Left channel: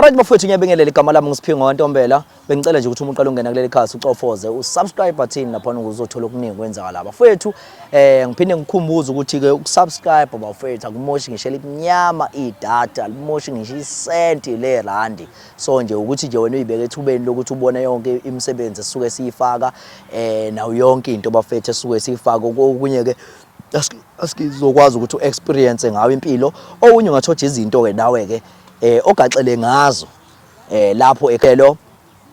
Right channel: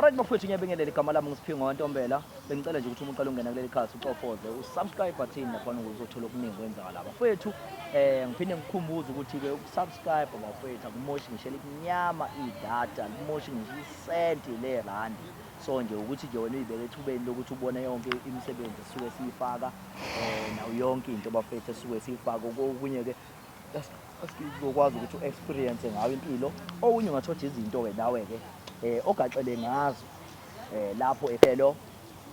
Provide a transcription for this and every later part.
Alright bafowethu ngiyabingelela igama lami ngiSiphingo Ntombela bengicela nje ukuthi umuntu oqala ungena kuleli khasi ucofoze usubscribe button lapha uzothola okuningi kwenzakala bafowethu ngiphinde ngikhumbuze ukuthi ke ukusubscribe bafowethu akumoshi ngishela iminyama idata limoshi ngisho isenti le randi so nje ukuthi nje wena uyibeke ethubeni lokuthi ubone yonke imisebenzi esuke siyifaka nawo yonke into bafowethu esuke siyifaka okunye ke asikizokwazi ukuthi uexperience ngawo impilo okunye ungathola izinto ke nawe ke ogaxele ngazo lapho ekhelo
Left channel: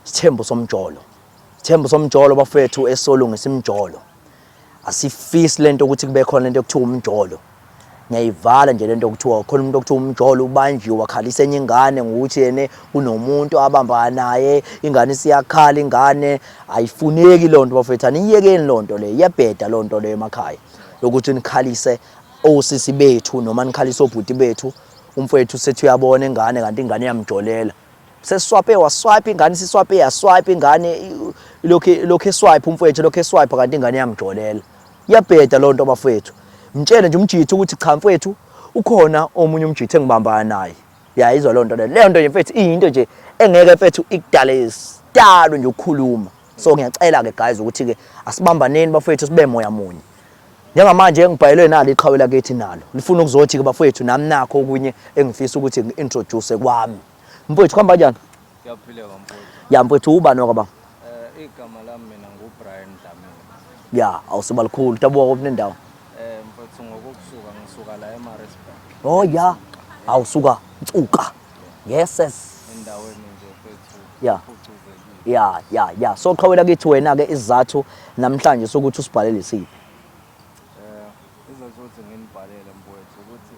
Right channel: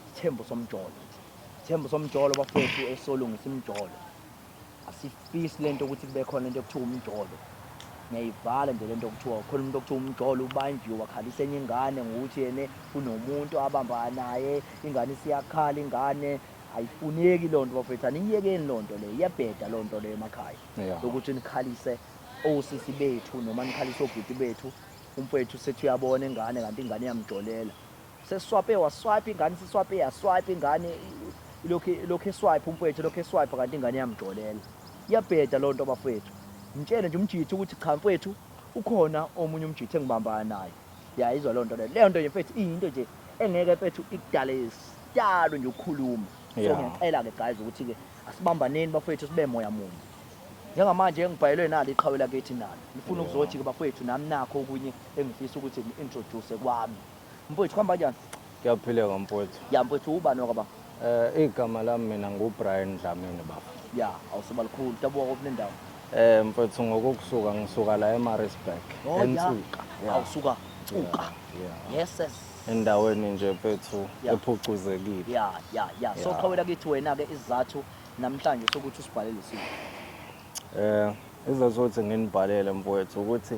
Sithembu somjolo bafethu esolungisa imjolo asifisi lento ukuthi kube khona lento ekuthiwa umjolo ngiyayivala nje lento ekuthiwa khona umuntu okuthiwa umjolo ubanjiwe wakhalisa enye ingane ngokuthi yene kunomuntu abamba naye ingane siyakhala ingane ayifuneki lonto bafethu aniyekeni lonto le iyabheda lonto le emakhaya lokuthi nikhalise osisi bethu noma nikhalise obhuti bethu umfowethu sethi uyabona ingane kanti ingane iyamjolela sesiswape waswipe ingane siswape yaswipe ingane lokho eswipe umfowethu lokho eswipe kanti ingane iyamjolela iyabheda lonto abafowethu mtshele nje umjithu ukuthi cha mfowethu ukhona omunye umjithu engibambana naye yayizwa lonto leyo nto nje mfowethu into nje engeke mfowethu ikudale isitalo nje ukukhuluma so ngiyacela ke guys ukuthi ke asibambaneni bafowethu sibe moya munye njengamanje engibhayelwe nalo iqhawe lakithi nalo lifuna ukuzothi ke bafowethu nami nakho okunye engifisa ukuthi ngi-introduce kwami mfowethu kuhamba kanjani Kuyaphileka mfowethu ya mfowethu ubani wakaba igama lami mina nguBrian Dlamini baba ya awusiba likhulu tabuka kophi nendawo mfowethu ngokusuka ngisuka la eMaritzburg oh ya awusuka Ntsuka yes endaweni nje mfowethu ephucuzekile ya so qhawe lakithi wena ke isizathu namhlanje sokuthi usibhalele isiphi izazothi nginibhalele mfowethu ukuthi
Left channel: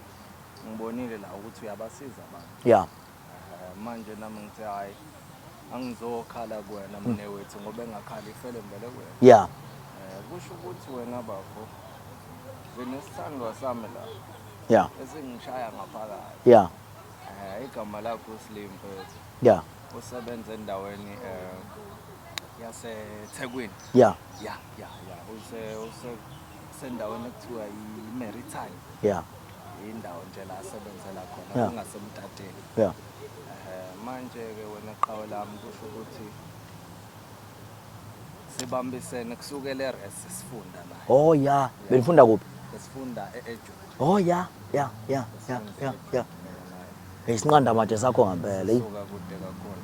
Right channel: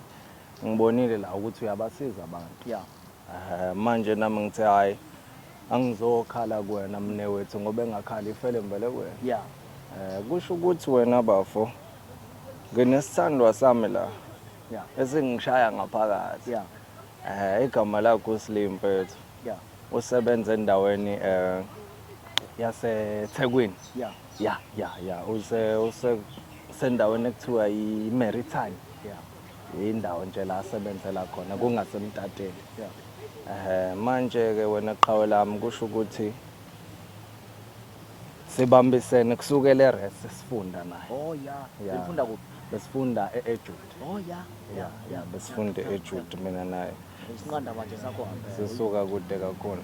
ngibonile la ukuthi uyabasiza abantu ya manje nami ngithe hayi angizokhala kuwena mne wethu ngoba engakhala ifele mbele kuwena ya kusho ukuthi wena bafo nginesithandwa sami la ya esingishaya ngaphakathi ya igama lakho Slim mfowethu ya usebenza endaweni yaseThekwini ya sendaweni ekuthiwa iMaritime ya indawo nje la asebenzela khona kungasemtateni ya manje ke wena qhawe lami kusho ukuthi sibambisene kusukela eRes sifunda naye oh ya belifunda kuphi besifunda eEjude oh ya besifunda eEjude mina naye isinqanda manje sakho ngempela isuka kude kakhulu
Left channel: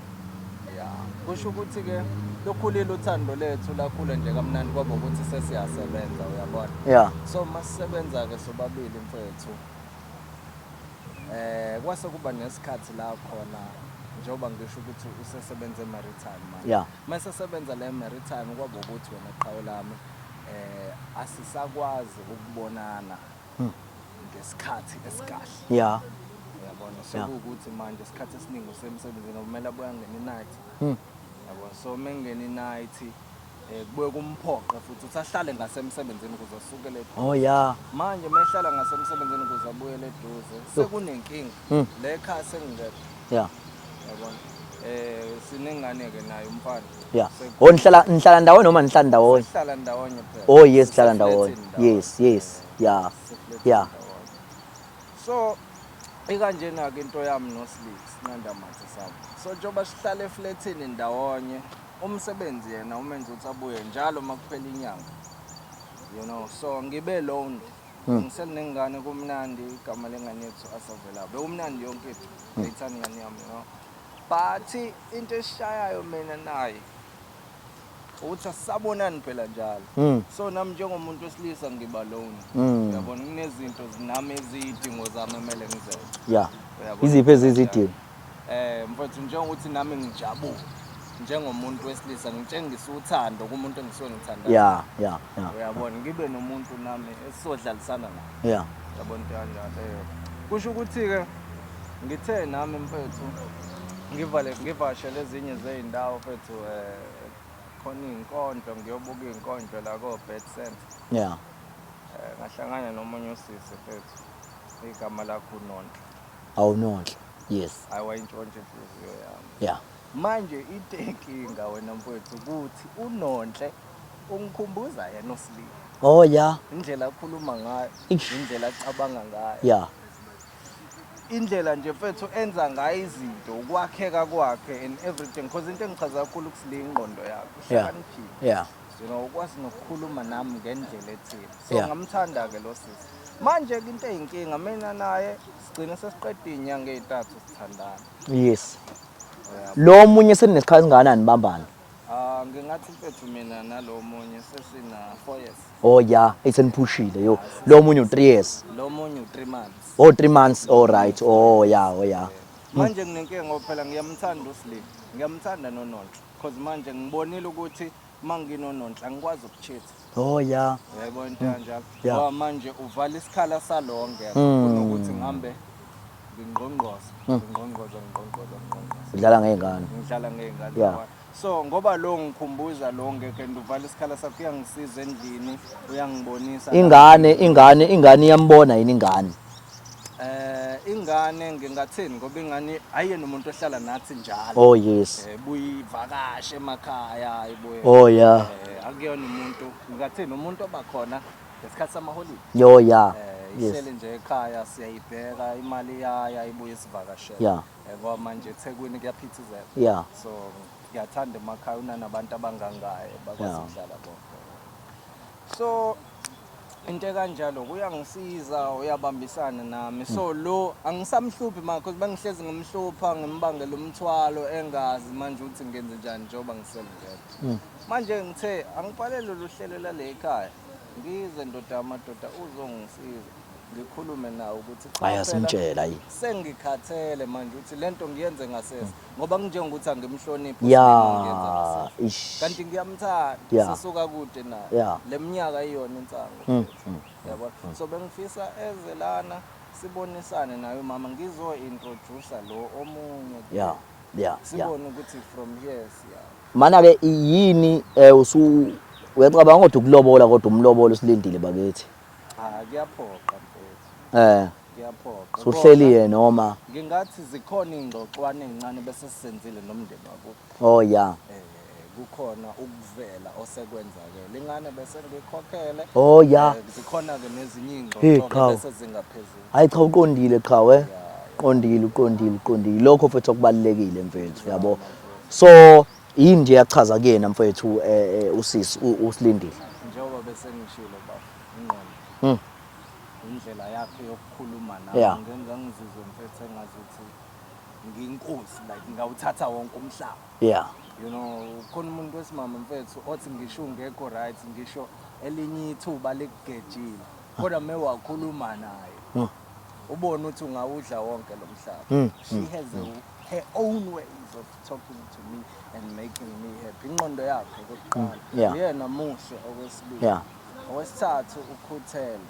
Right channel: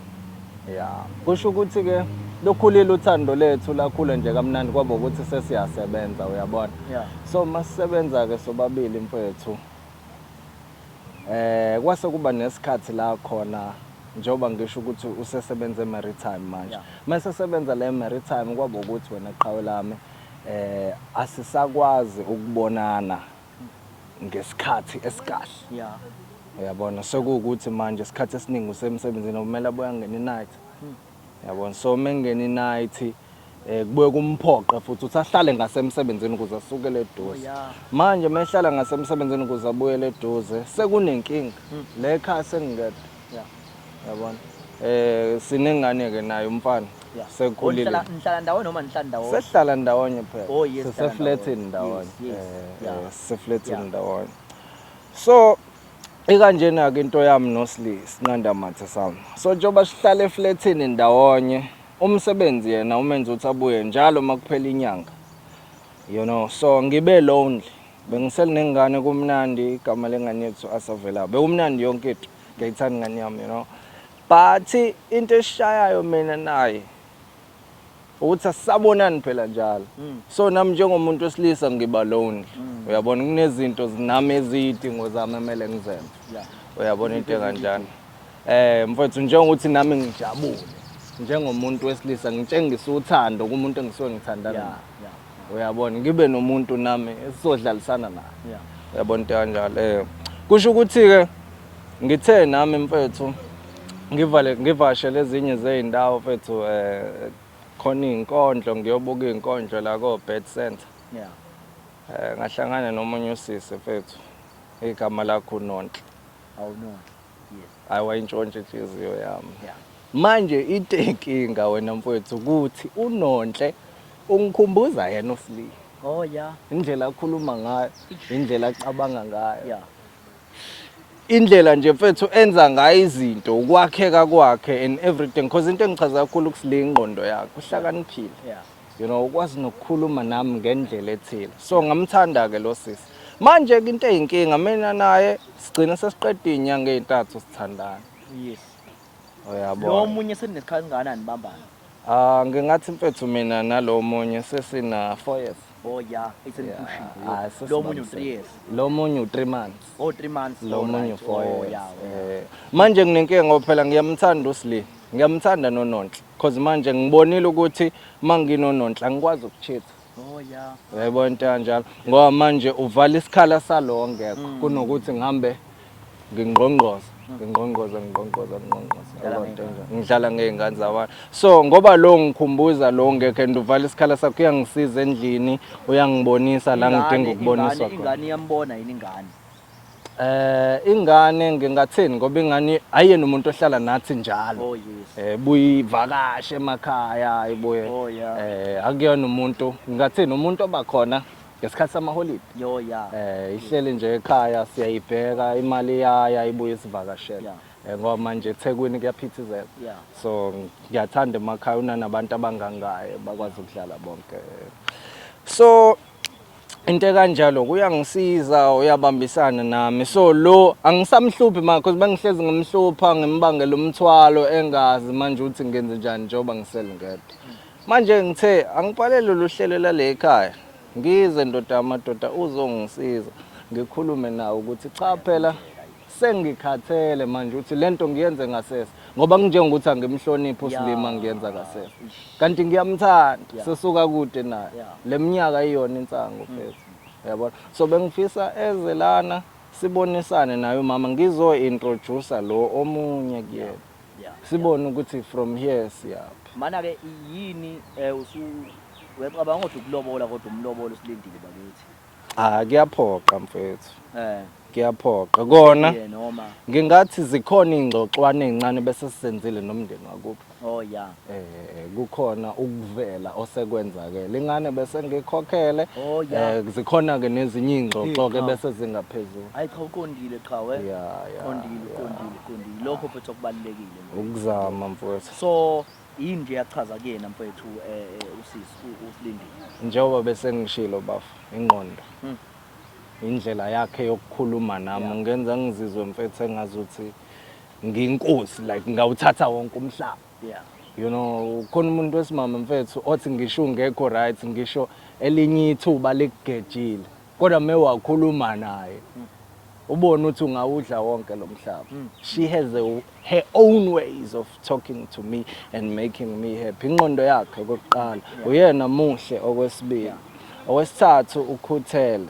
ya kusho ukuthi ke lokhulile uthando lethu lakhula nje kamnandi kwabo ukuthi sesiyasebenza uyabona ya so masisebenza ke sobabili mfethu kwase kuba nesikhathi la khona njoba ngisho ukuthi usesebenza eMaritime manje mase sebenza la eMaritime kwabo ukuthi wena qhawe lami asisakwazi ukubonana ngesikhathi esikahle ya uyabona sokuthi manje isikhathi esiningi usemsebenzini kumele abuya ngene night yabona so mengene night kubuye kumphoqa futhi usahlale ngasemsebenzini ukuze asukele eduze oh ya manje mehlala ngasemsebenzini ukuze abuyele eduze sekunenkinga le ekhaya sengingekho ya yabona sinengane ke naye umfana ya nihlala ndawonye noma nihlala ndawonye sihlala ndawonye phela oh yes sihlala ndawonye yes ya sifletini ndawonye so ikanjena ke into yami noSli Sinanda Mathe sami so njoba sihlala eflatini ndawonye umsebenzi yena umenza ukuthi abuye njalo makuphela inyanga you know so ngibe lonely bengiselinengane kumnandi igama lengane yethu asavela bekumnandi yonke into ngiyithanda ingane yami you know but into eshayayo mina naye uthi asabonani phela njalo so nami njengomuntu wesilisa ngiba lonely uyabona kunezinto zinami ezidingo zami emele ngizenze ya uyabona iziphi ezidingo mfowethu njengokuthi nami ngijabule njengomuntu wesilisa ngitshengisa uthando kumuntu engisuke ngithanda ya uyabona ngibe nomuntu nami esizodlalisana naye ya uyabona into kanjalo kusho ukuthi ke ngithe nami mfowethu ngivashe lezinye zeindawo mfowethu khona inkondlo ngiyobuka inkondlo la ko Bed Center ya ngahlangana nomunye usisi mfowethu igama lakho Nonhle awunonhle yes ayawayintshontshe inhliziyo yami ya manje inkinga wena mfowethu ukuthi uNonhle ungikhumbuza yena uSli oh ya indlela akhuluma ngayo indlela acabanga ngayo ya indlela nje mfethu enza ngayo izinto ukwakheka kwakhe and everything because into engichaza kakhulu kusile ingqondo yakhe uhlakaniphile Yeah. you know ukwazi nokukhuluma nami ngendlela ethile so Yeah. ngamthanda ke lo sisi manje ke into eyinkinga mina naye sigcina sesiqeda inyanga ezintathu sithandana Yes. uyabo Lo munye seninesikhathi singakanani bambana? ngingathi mfethu mina nalo munye sesina 4 years Oh yeah, iseniphushile yo. Ah, Lo munye u3 years. lo munye u3 months Oh 3 months. Lo All munye right. 4 Oh years. yeah. Manje nginenkinga ngoba phela ngiyamthanda uSli. Ngiyamthanda noNonhle because manje ngibonile ukuthi manginoNonhle angikwazi ukuchitha. Oh yeah. Yayibona into kanjalo. Ngoba manje uvala isikhala salonke kunokuthi ngihambe ngingqongqoza. Ngingqongqoza. Udlala ngezingane. Ngidlala ngezingane zabantu. So ngoba lo ngikhumbuza lo ngeke uvala isikhala sakho uyangisiza endlini, uyangibonisa Ingane iyambona yini ingane? Ingane ngingathini ngoba ingane ayena umuntu ohlala nathi njalo. Oh yes. Buyivakashe emakhaya ibuye. Oh yeah. Akuyona umuntu ngingathini umuntu obakhona ngesikhathi samaholiday. Yo yeah. Ihleli nje ekhaya siyayibheka imali yaya ibuye isivakashele. Yeah. Ngoba manje eThekwini kuyaphithizela. Yeah. So ngiyathanda emakhaya unanabantu abangangaye bakwazi ukudlala bonke. So into kanjalo kuyangisiza uyabambisana nami so lo angisamhluphi manje because bangihlezi ngimhlupha ngimbangela umthwalo engazi manje ukuthi ngenze njani njengoba ngisele ngedwa manje ngithe angibhalele lo hlelo lale ekhaya ngize ndoda amadoda uzongisiza ngikhulume nawe ukuthi cha phela sengikhathele manje uthi lento ngiyenze ngasese ngoba kunjengokuthi angimhloniphi uSlima ngiyenza ngasese kanti ngiyamthanda sesuka kude naye leminyaka iyona insango mfethu yabona so bengifisa eze lana sibonisane naye mama ngizo-introduce lo omunye kuyena sibone ukuthi from here siyaphi mana-ke yini uyacabanga kodwa ukulobola kodwa umlobolo usilindile bakithi kuyaphoqa mfethu kuyaphoqa kona noma ngingathi zikhona ingxoxwane ezincane bese sisenzile nomndeni wakubo oh yeah kukhona ukuvela osekwenzakela ingane bese ngikhokhele oh yeah zikhona ke nezinye ingxoxo ke bese zingaphezulu hayi cha uqondile cha uqondile lokho mfethu okubalekile mfethu yabo so yini nje yachaza kuyena mfethu usisi usilindile njengoba bese ngishilo bafu ingqondo indlela yakhe yokukhuluma nami ngenza ngizizwe mfethu engazuthi ngiyinkosi like ngawuthatha wonke umhlaba you know khona umuntu wesimama mfethu othi ngisho ungekho right ngisho elinye ithuba likugejile kodwa mewakhuluma naye ubona ukuthi ungawudla wonke lo mhlaba she has her own ways of talking to me and making me happy ingqondo yakhe okokuqala uyena muhle okwesibili owesithathu ukhuthele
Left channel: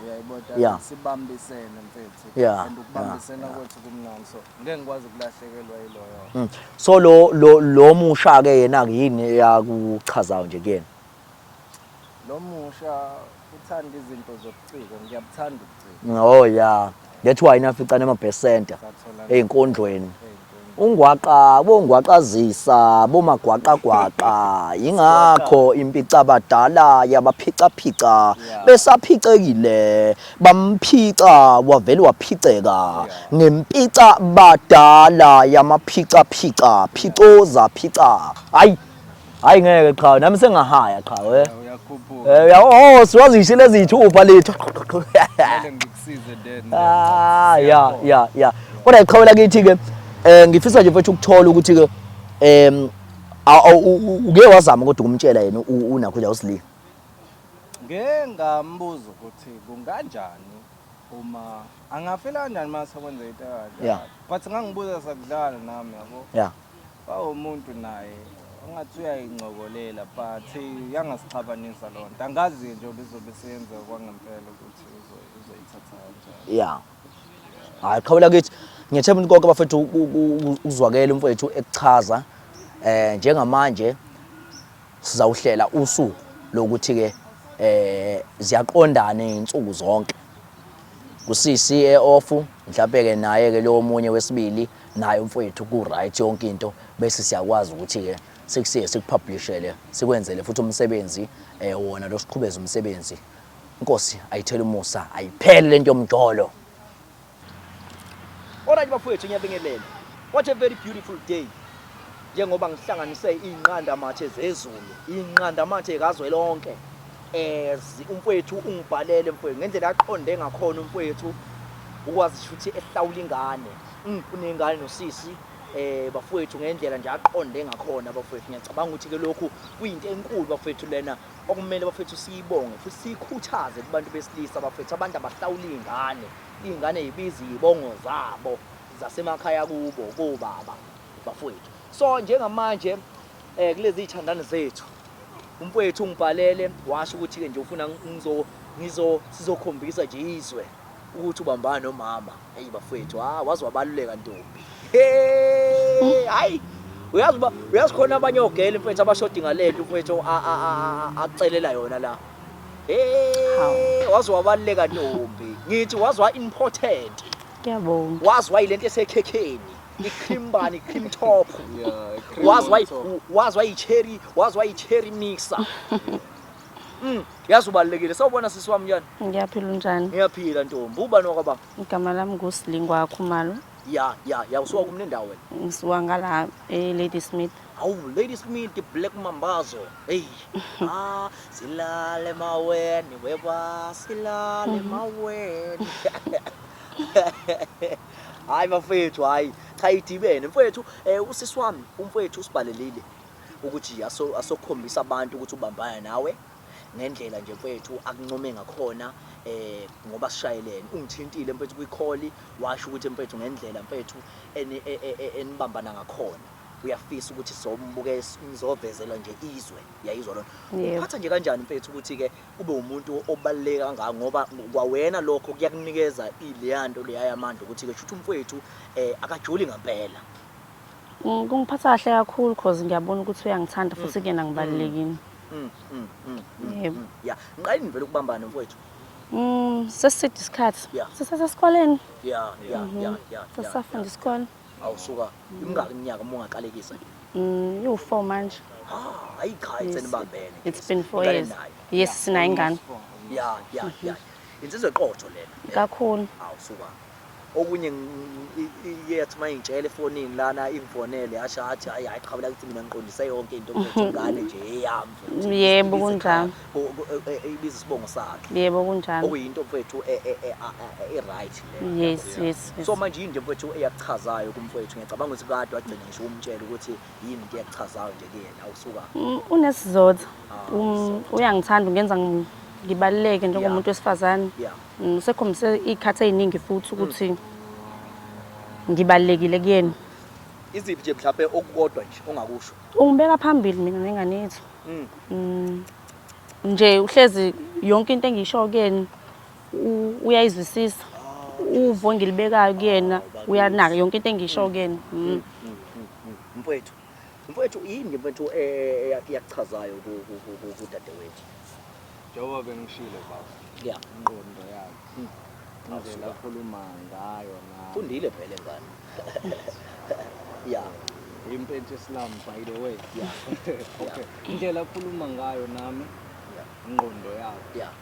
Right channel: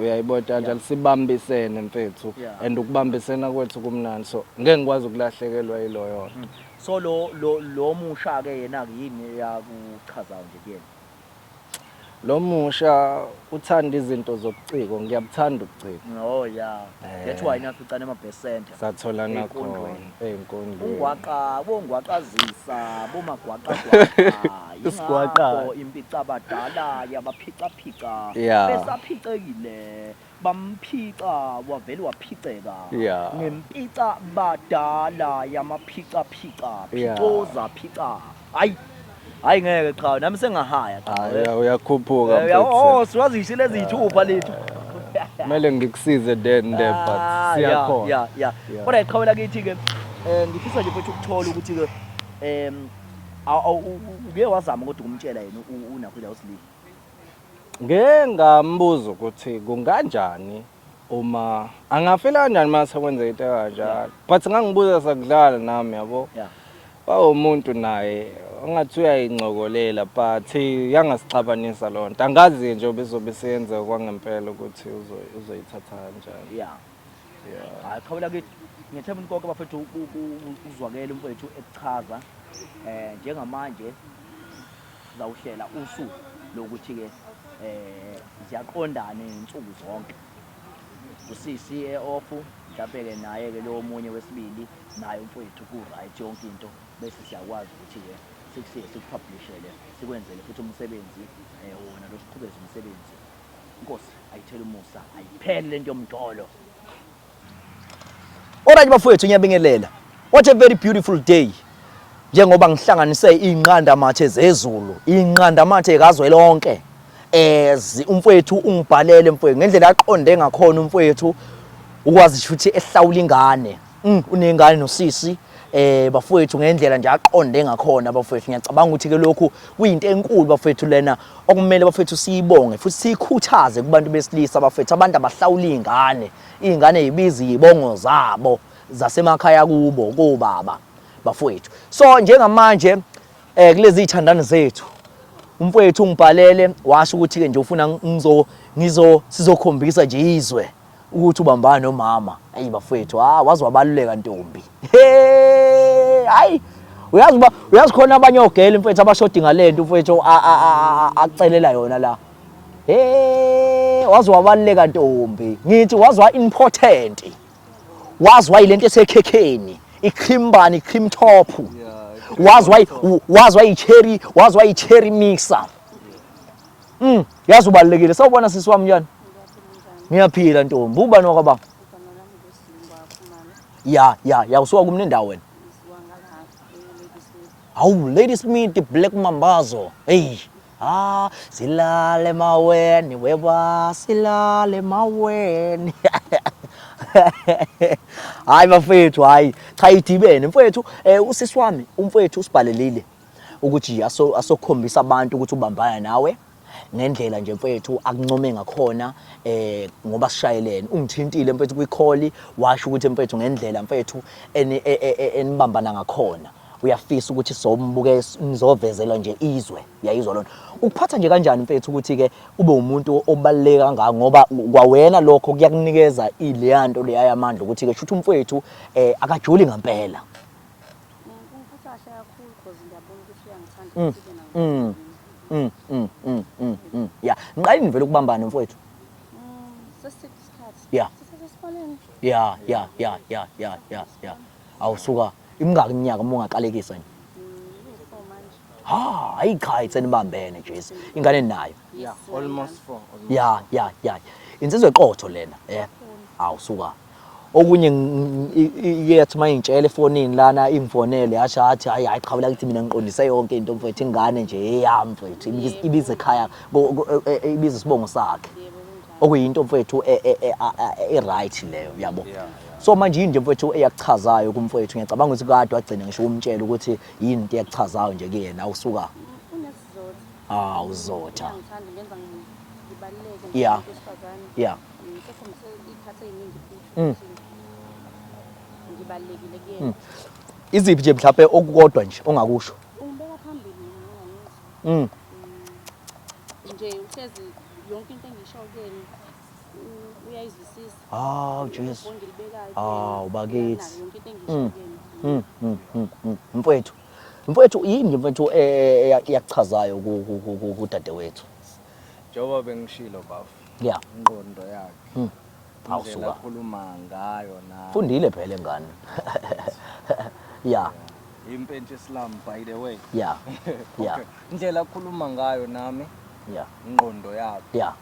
uyayibona sibambisene mfethu and ukubambisena kwethu kumnandi so ngeke ngikwazi ukulahlekelwa yiloyo so lo musha ke yena yini yakuchazayo nje kuyena lo musha uthanda izinto zobuciko ngiyabuthanda ubuciko oh yeah that's why naficana ama-percent ey'nkondlweni bongwaqazisa bomagwaqagwaqa yingakho impica abadala yabaphicaphica besaphicekile bamphica wavele waphiceka ngempica badala yamaphicaphica phicoza phica hayi ngeke cha nami sengahaya cha uyakhuphuka siwazishe lezi ithupha lethu kumele ngikusize then yeah kodwa iqhawela kithi ke ngifisa nje mfethu ukuthola ukuthi ke uke wazama kodwa ukumtshela yena unakho la uSlima ngambuza ukuthi kunganjani uma angafela kanjani mase kwenza into kanjalo but ngangibuza sakudlala nami yabo umuntu naye angathi uyayincokolela but yangasixabanisa loo nto angazi nje bezobe siyenza kwangempela ukuthi uzoyithatha kanjani hayi qhawela kithi ngiyethemba ukuthi konke abafethu uzwakela umfethu ekuchaza njengamanje sizawuhlela usuku lokuthi ke ziyaqondana izinsuku zonke kusisi eoff mhlawumbe ke naye ke lo munye wesibili naye umfethu ku right yonke into bese siyakwazi ukuthi ke sikusiye sikupublishele sikwenzele futhi umsebenzi wona lo siqhubeza umsebenzi inkosi ayithela umusa ayiphele lento yomjolo Alright bafowethu ngiyabingelela. What a very beautiful day. Njengoba ngihlanganise inqanda mathe zezulu, inqanda mathe kazwelonke. Umfowethu ungibhalele mfowethu ngendlela aqonde ngakhona umfowethu ukwazi futhi ehlawula ingane. Unengane nosisi bafowethu ngendlela nje aqonde ngakhona bafowethu ngiyacabanga ukuthi ke lokhu kuyinto enkulu bafowethu lena okumele bafowethu siyibonge futhi sikhuthaze kubantu besilisa bafowethu abantu abahlawula ingane yibiza izibongo zabo zasemakhaya kubo kobaba bafowethu. So njengamanje kulezi ithandana zethu umfowethu ungibhalele washo ukuthi ke nje ufuna sizokhombisa nje izwe ukuthi ubambana nomama. Hayi bafowethu wazi wabaluleka ntombi. Hayi uyazi khona abanye ogela mfowethu abashoda ngalento mfowethu acelela yona la. Wazi wabaluleka ntombi. Ngithi wazi wa important. Ngiyabonga. Wazi wa ilento esekhekheni, ikhimbani, ikhim top. Wazi wa cherry mixer. Yazi ubalekile. Sawubona sisi wami njani? Ngiyaphila unjani? Ngiyaphila ntombi. Ubani wakaba? Igama lami nguSilingwa Khumalo. Ya usuka kumne ndawo wena? Ngisuka ngala Ladysmith. Hawu Ladysmith Black Mambazo. Hey. Silale maweni weba silale maweni. Hayi bafethu hayi cha idibene mfethu usisi wami umfethu usibhalelile ukuthi asokhombisa abantu ukuthi ubambana nawe ngendlela nje mfethu akuncome ngakhona ngoba sishayelene ungithintile mfethu kwi-call washo ukuthi mfethu ngendlela mfethu enibambana ngakhona uyafisa ukuthi sombuke nizovezela nje izwe yayizwa lona uphatha nje kanjani mfethu ukuthi ke ube umuntu obaleka kangaka ngoba kwawena lokho kuyakunikeza ileyanto leyamandla ukuthi ke shuthi umfethu akajuli ngempela. Kungiphatha kahle kakhulu because ngiyabona ukuthi uyangithanda futhi kena ngibalekile. Yeah ngiqalini vele ukubambana mfethu. Seside isikhathi. Sisesesikoleni. Yeah. Sisafunda isikole. Awusuka imingaki iminyaka uma ungaqalekisa nje? You4 manje. Hayi cha senibambene It's been 4 ingane years. nayo. Yes sina ingane. Yeah. Insizwe eqotho lena. Kakhulu. Awusuka. Okunye iyethi mayintshela efonini lana imfonele yasho athi hayi qhabula kithi mina ngiqondise yonke into mfethu ingane nje eyami mfethu ibize ekhaya ibize isibongo sakhe. Yebo kunjalo. Okuyinto mfethu right leyo yabo. Yes. So manje yini nje mfethu eyakuchazayo kumfethu ngiyacabanga ukuthi kade wagcina ngisho umtshela ukuthi yini into eyakuchazayo nje kuyena awusuka. Unesizotha. Uzotha. Uyangithanda ungenza ngibaluleke njengomuntu wesifazane. Yeah. Sekhombise ikhathe eziningi futhi ukuthi ngibalekile kuyena. Iziphi nje mhlawumbe okukodwa nje ongakusho? Ungibeka phambili mina nengane yethu. Nje uhlezi yonke into engisho kuyena uyayizwisisa. Uvo ngilibekayo kuyena uyanaka yonke into engisho kuyena. Mfowethu yini nje mfowethu eyakuchazayo kudadewethu? Njengoba bengishilo baba. Yeah. Ingqondo yakhe. Awusuka khuluma ngayo na. Fundile phela engane. Yeah. Impethu Islam by the way. Yeah. Indlela akhuluma ngayo nami. Yeah. Ingqondo yakhe. Yeah.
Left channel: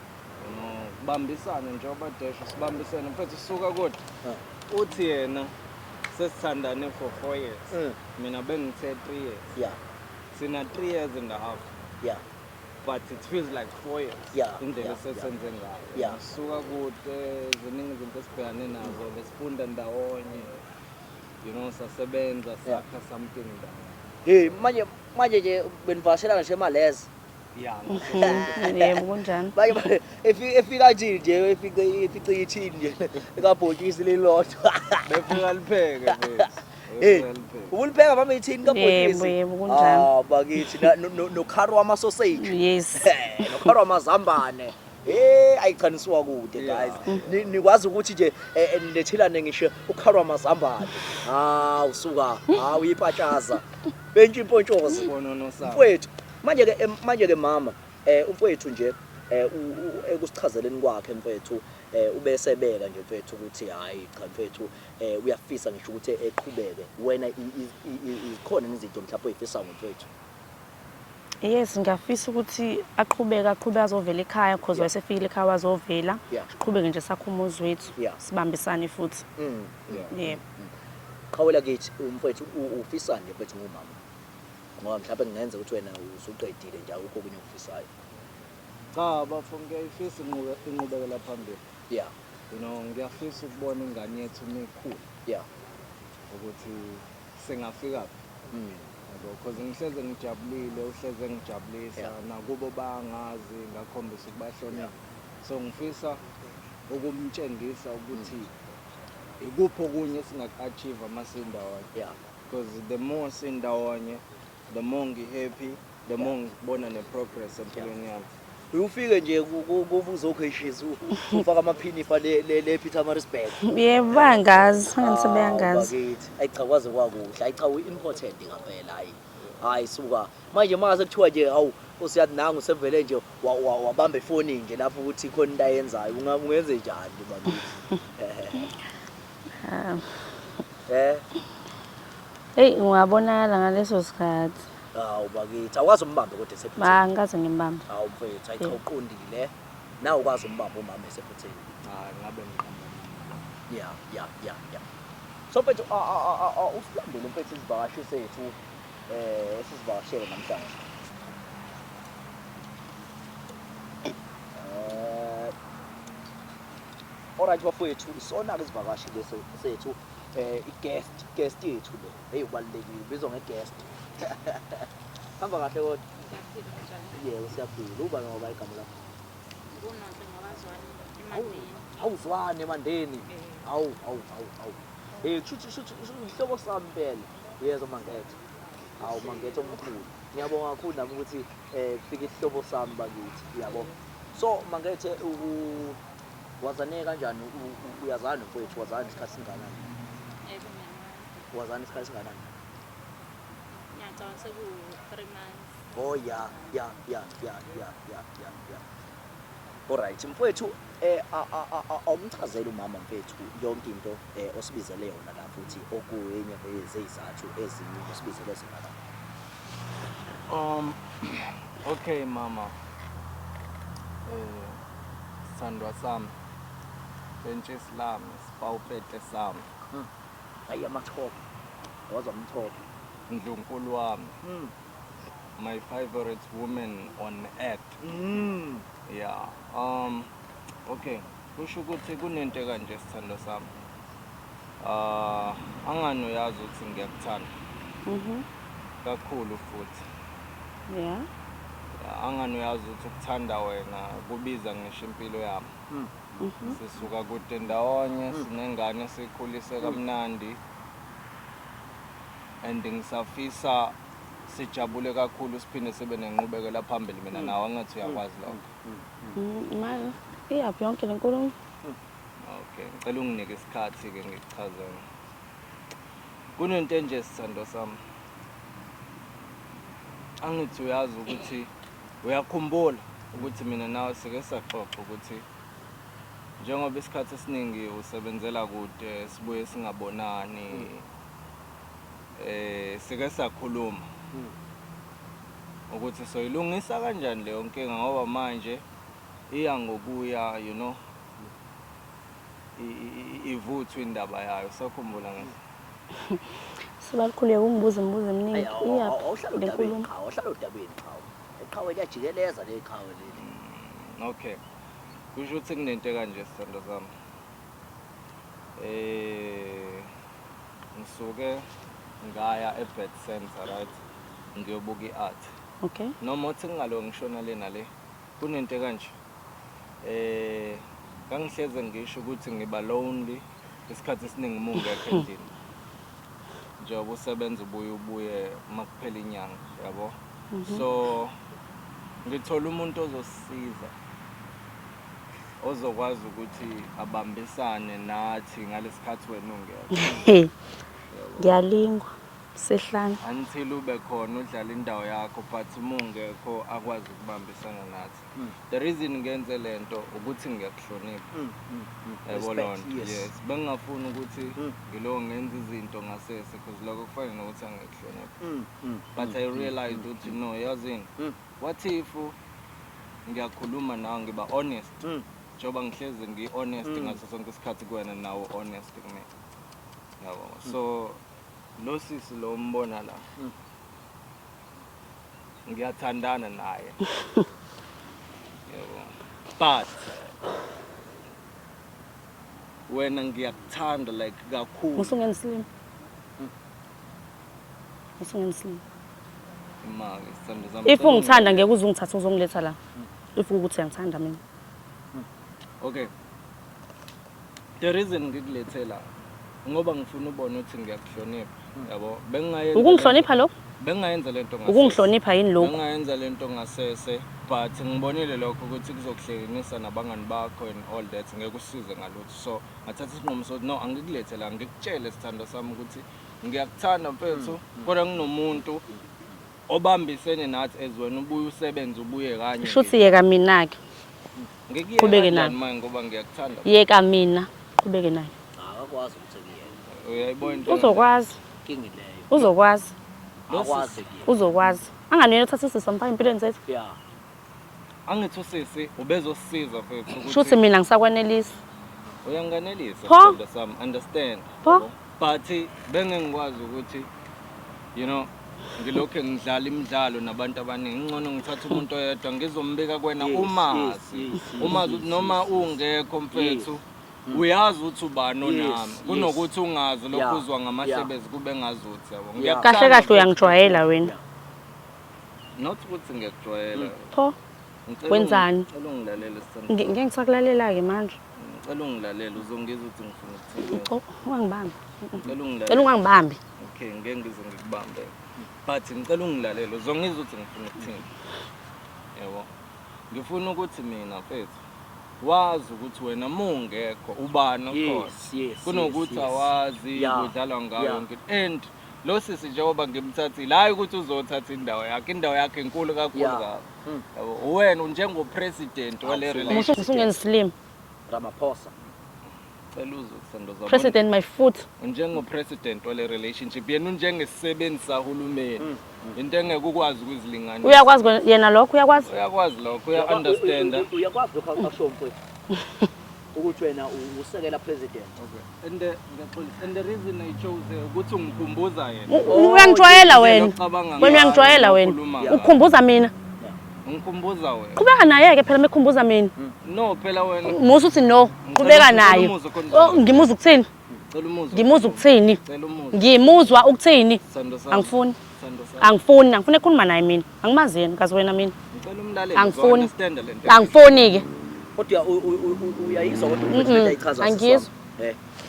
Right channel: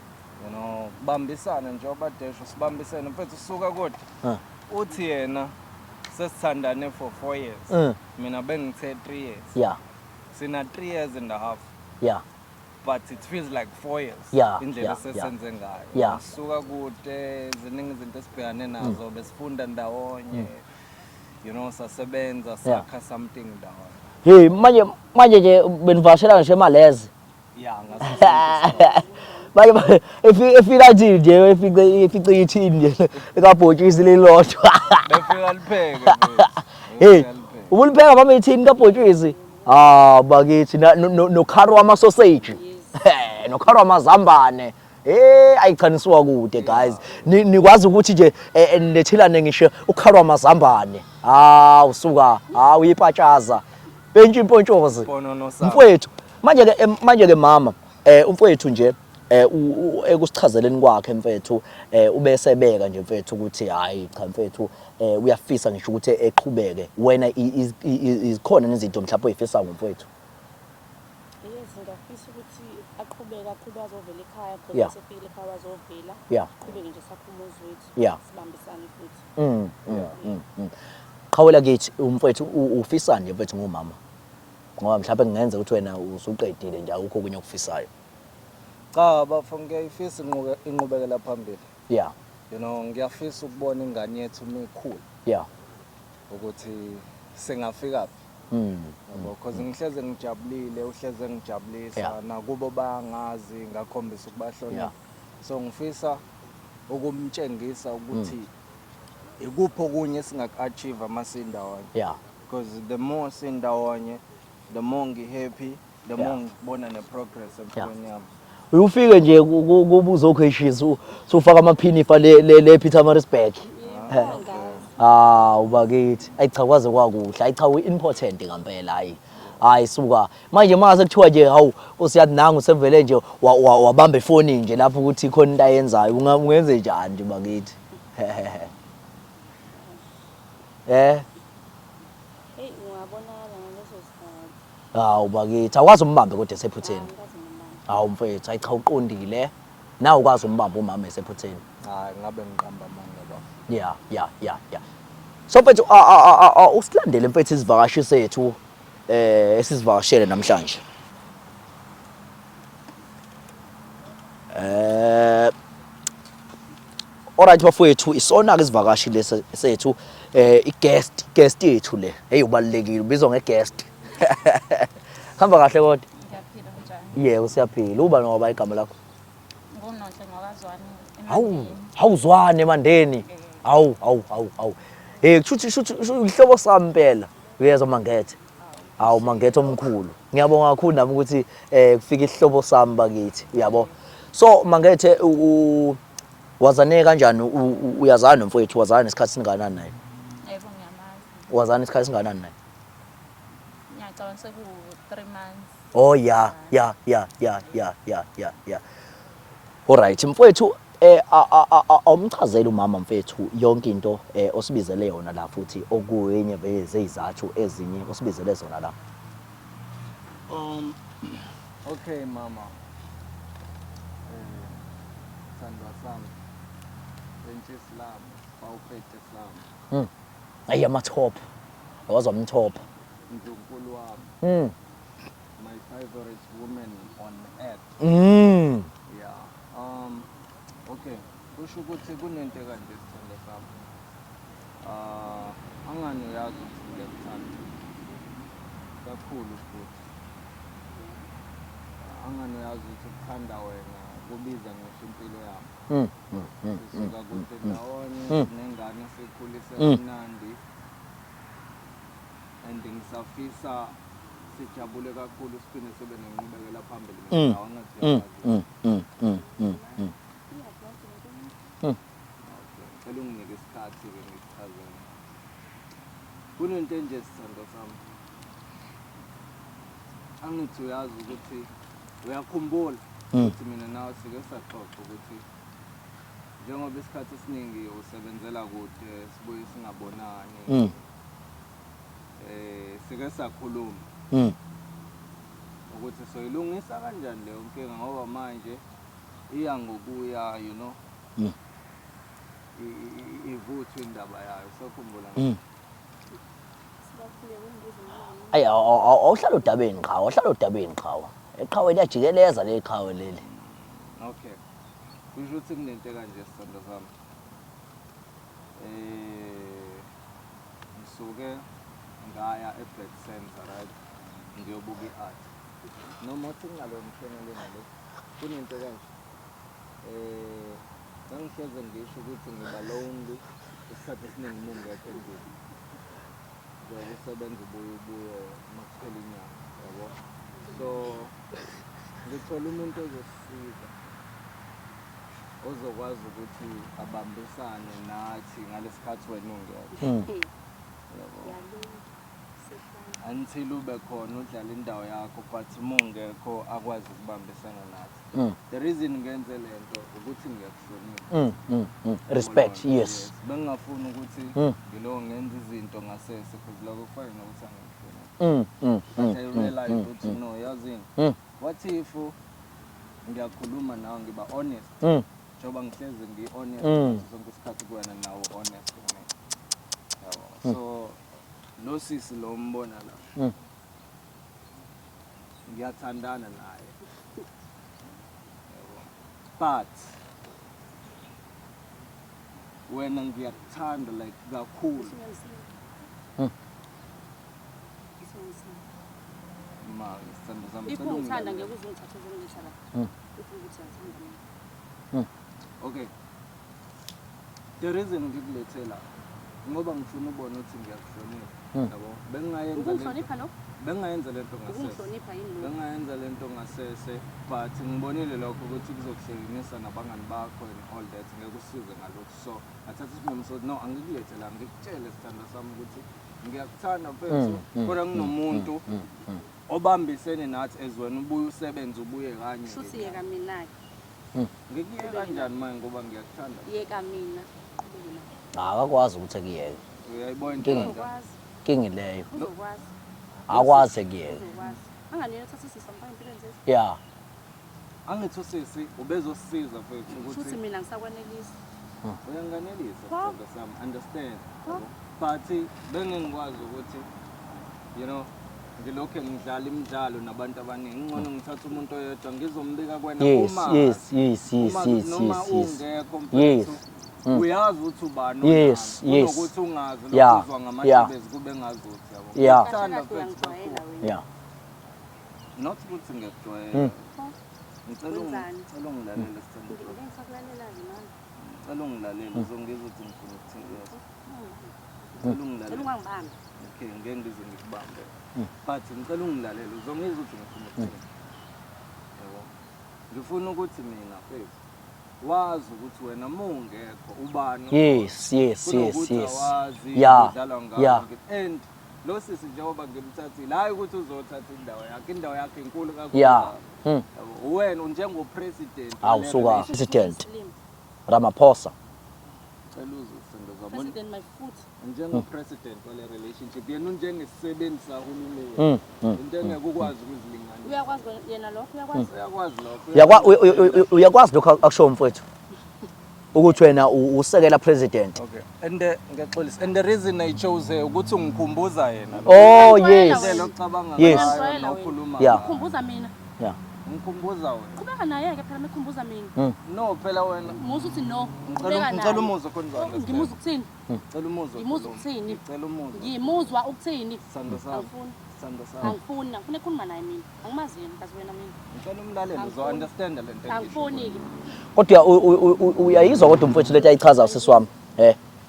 You know, bambisana njengoba desho sibambisene mfethu suka kodwa. Uthi yena sesithandane for 4 years. Mina bengithe 3 years. Yeah. Sina 3 years and a half. Yeah. But it feels like 4 years. Yeah. Indlela sesenze ngayo. Yeah. Suka kude ziningi izinto esibhekane nazo besifunda ndawonye. You know sasebenza sakha something ndawonye. Hey manje nje benivashela nje emalezi. Yeah. Kunjani? Manje efika nje efica ithini nje ekabhotshisi lelodwa. Befika lipheka. Hey ubulibheka baba ithini kabhotshisi? Bakithi no kharwa sausage. Yes. No kharwa mazambane. Ayichanisiwa kude guys. Nikwazi ukuthi nje lethelane ngisho ukharwa mazambane. Usuka uyipatshaza. Bentshi impontshozwe. Manje ke mama umfowethu nje ekusichazeleni kwakhe mfethu ubesebeka nje mfethu ukuthi hayi cha mfethu uyafisa ngisho ukuthi eqhubeke wena izikhona nezinto mhlawumbe oyifisa ngomfethu. Yes, ngiyafisa ukuthi aqhubeke azovela ekhaya because Yeah. wayesefikile ekhaya wazovela. Yeah. Siqhubeke nje sakhe umuzi wethu. Yeah. Sibambisane futhi. Yeah. Qhawela kithi umfowethu ufisani mfowethu ngomama ngoba mhlawumbe kungenza ukuthi wena usuqedile nje akukho okunye okufisayo. Cha bafo ngiyayifisa inqubekela phambili. Yeah. You know ngiyafisa ukubona ingane yethu mikhulu Yeah. ukuthi singafika Mm. because ngihleze ngijabulile uhleze ngijabulisa Yeah. nakubo bangazi ngakhombisa ukubahlonipha. Yeah. So ngifisa ukumtshengisa ukuthi ikuphi okunye singaku-achieve amasindawonye. Yeah. Because the more sindawonye the more ngi-happy the more ngibona ne-progress empilweni yami. Uyufike nje kubuza okheshisa ufaka amaphinifa le Pietermaritzburg. Yebo bangazi. Bakithi ayichakwaze kwakuhle ayicha uimportant ngempela hayi suka manje mase kuthiwa nje hawu usiyathi nanga usevele nje wabamba ifoni nje lapho ukuthi khona into ayenzayo ungenze njani nje bakithi. Hey ungabonakala ngaleso sikhathi. Hawu bakithi akwazi umbambe kodwa esephutheni. Angikaze ngimbambe. Hawu mfethu ayicha uqondile nawe ukwazi umbamba umama esephutheni. Hayi ngabe ngiqamba manje baba. Yeah. So mfethu usilandele mfethu izivakashi sethu esizivakashele namhlanje. Alright bafowethu isona ke isivakashi lesethu guest yethu le hey ubalekile ubizwa ngeguest. Hamba kahle kodwa. Ngiyaphila njani? Yebo siyaphila uba ngoba igama lakho. Ngunohle ngokwazwana. Hawuzwane emandeni. Hawu. Kushuthi ihlobo sami impela. Uyezwa Mangethe. Hawu Mangethe omkhulu. Ngiyabonga kakhulu nami ukuthi kufika ihlobo sami bakithi. Uyabo. So Mangethe wazane kanjani uyazana nomfowethu wazana isikhathi singakanani naye? Yebo ngiyamazi. Wazana isikhathi singakanani naye? Ngiyacabanga seku-3 months. Oh yeah. Alright mfowethu awumchazela umama mfethu yonke into osibizele yona la futhi okuyenye bezizathu ezinye osibizele zona la. Okay mama. Sandwa sami. Bentshisi lami, sipawupete sami. Ayi amathop. Awazwa umthop. Ndlunkulu wami. My favorite woman on earth. Yeah. Okay. Kusho ukuthi kunento kanje sithando sami. Angani uyazi ukuthi ngiyakuthanda. Kakhulu futhi. Yeah. Angani uyazi ukuthi ukuthanda wena kubiza ngisho impilo yami. Sisuka kude ndawonye sinengane sikhulise kamnandi. And ngisafisa sijabule kakhulu siphinde sibe nenqubekela phambili mina nawe angathi uyabazi lo. Manje iyaphi yonke lenkulumo? Okay, ngicela unginike isikhathi ke ngikuchazele. Kunento nje sithando sami. Angithi uyazi ukuthi uyakhumbula ukuthi mina nawe sike saxoxa ukuthi njengoba isikhathi esiningi usebenzela kude sibuye singabonani. Sike sakhuluma ukuthi soyilungisa kanjani leyo nkinga ngoba manje iya ngokuya you know ivuthwa indaba yayo sakhumbula ngisho Sibalikhuleka umbuzo eminingi. Ayi awuhlala udabeni qhawe. Eqhaweni yajikeleza le qhawe leli. Okay. Kusho ukuthi kunento kanje sithando sami. Ngisuke ngaya eBed Center right ngiyobuka iart. Okay. Noma uthi ngalo ngishona lena le kunento kanje. Kangihleze ngisho ukuthi ngiba lonely isikhathi esiningi mungekho endini. Njengoba usebenza ubuye makuphela inyanga yabo. So ngithola umuntu ozosisiza ozokwazi ukuthi abambisane nathi ngalesikhathi wena ungiyona. Ngiyalingwa. Sihlanu. until ube khona udlala indawo yakho but mungekho akwazi ukubambisana nathi. The reason ngenze lento ukuthi ngiyakuhlonipha. Respect, yes. Bengingafuni ukuthi ngilo ngenza izinto ngasese because lokho kufana nokuthi angikuhlonipha. But I realized ukuthi no, yazini. What if ngiyakhuluma nawe ngiba honest? Njoba ngihlezi ngi-honest ngaso sonke isikhathi kuwena nawo honest kimi. Yabo. So lo sisi lo umbona la. Ngiyathandana naye. But wena ngiyakuthanda like kakhulu. Usungenislim. Usungenislim. Imali sithando sami. If ungithanda ngeke uzungithatha uzongiletha la. If ukuthi ngithanda mina. Okay. The reason ngikulethe la ngoba ngifuna ubone ukuthi ngiyakuhlonipha. Yabo. Bengayenza. Ukungihlonipha lo? Bengayenza lento ngasese. Ukungihlonipha yini lokho? Bengayenza lento ngasese but ngibonile lokho ukuthi kuzokuhlekanisa nabangani bakho and all that ngeke usize ngalutho. So ngathatha isinqumo sokuthi no angikulethe la ngikutshele sithando sami ukuthi ngiyakuthanda mfethu kodwa nginomuntu obambisene nathi ezweni ubuye usebenze ubuye kanye. Shuthi yeka mina ke. Ngikuyeke nani manje ngoba ngiyakuthanda. Yeka mina. Qhubeke naye. Akakwazi ukuthi akuyeke. Uyayibona into. Uzokwazi. Kingileyo. Uzokwazi. Akwazi akuyeke. Uzokwazi. Anganele uthatha isisa mfaka impilweni zethu. Yeah. Angithi usisi ubezosiza mfethu ukuthi. Shuthi mina ngisakwanelisa. Uyanganelisa Pho? sithando sami understand. Pho? But bengengikwazi ukuthi you know ngilokho ngidlala imidlalo nabantu abaningi ngcono ngithatha umuntu oyedwa ngizombika kwena umazi noma ungekho mfethu uyazi ukuthi ubani onami unokuthi ungazi lokho uzwa ngamashebezi kube ngazuthi yabo Kahle kahle uyangijwayela wena. not ukuthi ngiyakujwayela Pho? Wenzani? Ngicela ungilalele sithando Ngeke ngisakulalela ke manje. ngicela ungilalele uzongizwa ukuthi ngifuna ukuthini Ungangibambi. ngicela ungilalele Cela ungangibambi. okay ngeke ngize ngikubambe but ngicela ungilalele uzongizwa ukuthi ngifuna ukuthini yabo ngifuna ukuthi mina mfethu wazi ukuthi wena mungekho ubani kunokuthi awazi udlala ngayo and lo sisi njengoba ngimthathile hayi ukuthi uzothatha indawo yakhe enkulu kakhulu yabo wena njengopresident wale relationship Slim Ramaphosa. cela uzwe sithando zabo President my foot njengopresident wale relationship yena njengesisebenzi sahulumeni into engeke ukwazi ukuzilinganisa uyakwazi yena lokho uyakwazi lokho Uyakwazi lokho akusho mfowethu. Ukuthi wena usekela president. okay and ngiyaxolisa and the reason I chose ukuthi ungikhumbuza yena uyangijwayela wena uyangijwayela wena ukhumbuza mina ngikhumbuza wena qhubeka naye ke phela mekhumbuza mina no phela wena musu uthi no qhubeka naye ngimuza ukuthini cela umuzo ngimuza ukuthini cela umuzo ngimuzwa ukuthini sithando sami angifuni sithando sami angifuni ukukhuluma naye mina angimazi yena kazi wena mina ngicela umlaleli angifuni understand lento angifuni ke Kodwa uyayizwa kodwa mfowethu lento ayichaza siswami.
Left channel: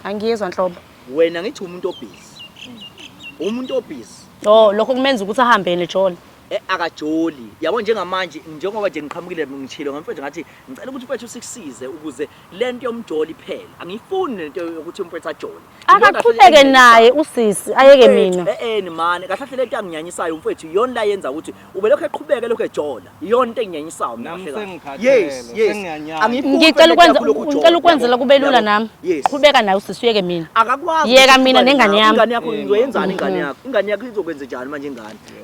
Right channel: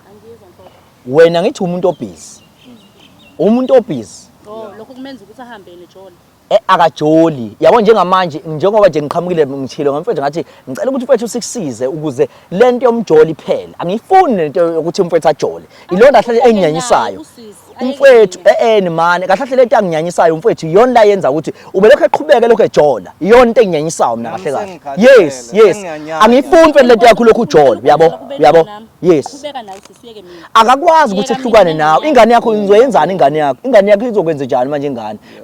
Angiyezwa nhlobo. Wena ngithi umuntu obusy. Umuntu obusy. Lokho kumenza ukuthi ahambe neJola. Akajoli yabo njengamanje njengoba nje ngiqhamukile ngithile ngomfethu ngathi ngicela ukuthi mfethu sikusize ukuze lento yomjoli iphela angifuni lento yokuthi mfethu ajole ilona kahle enginyanyisayo usisi ayeke mina ni manje kahle lento anginyanyisayo mfethu iyona la yenza ukuthi ube lokho eqhubeke lokho ejola iyona into enginyanyisayo mina kahle kahle yes angifuni lento yakho lokho ujola yabo yes qhubeka nawe usisi uyeke mina akakwazi yeka mina ingane yakho izoyenzana ingane yakho izokwenza njani manje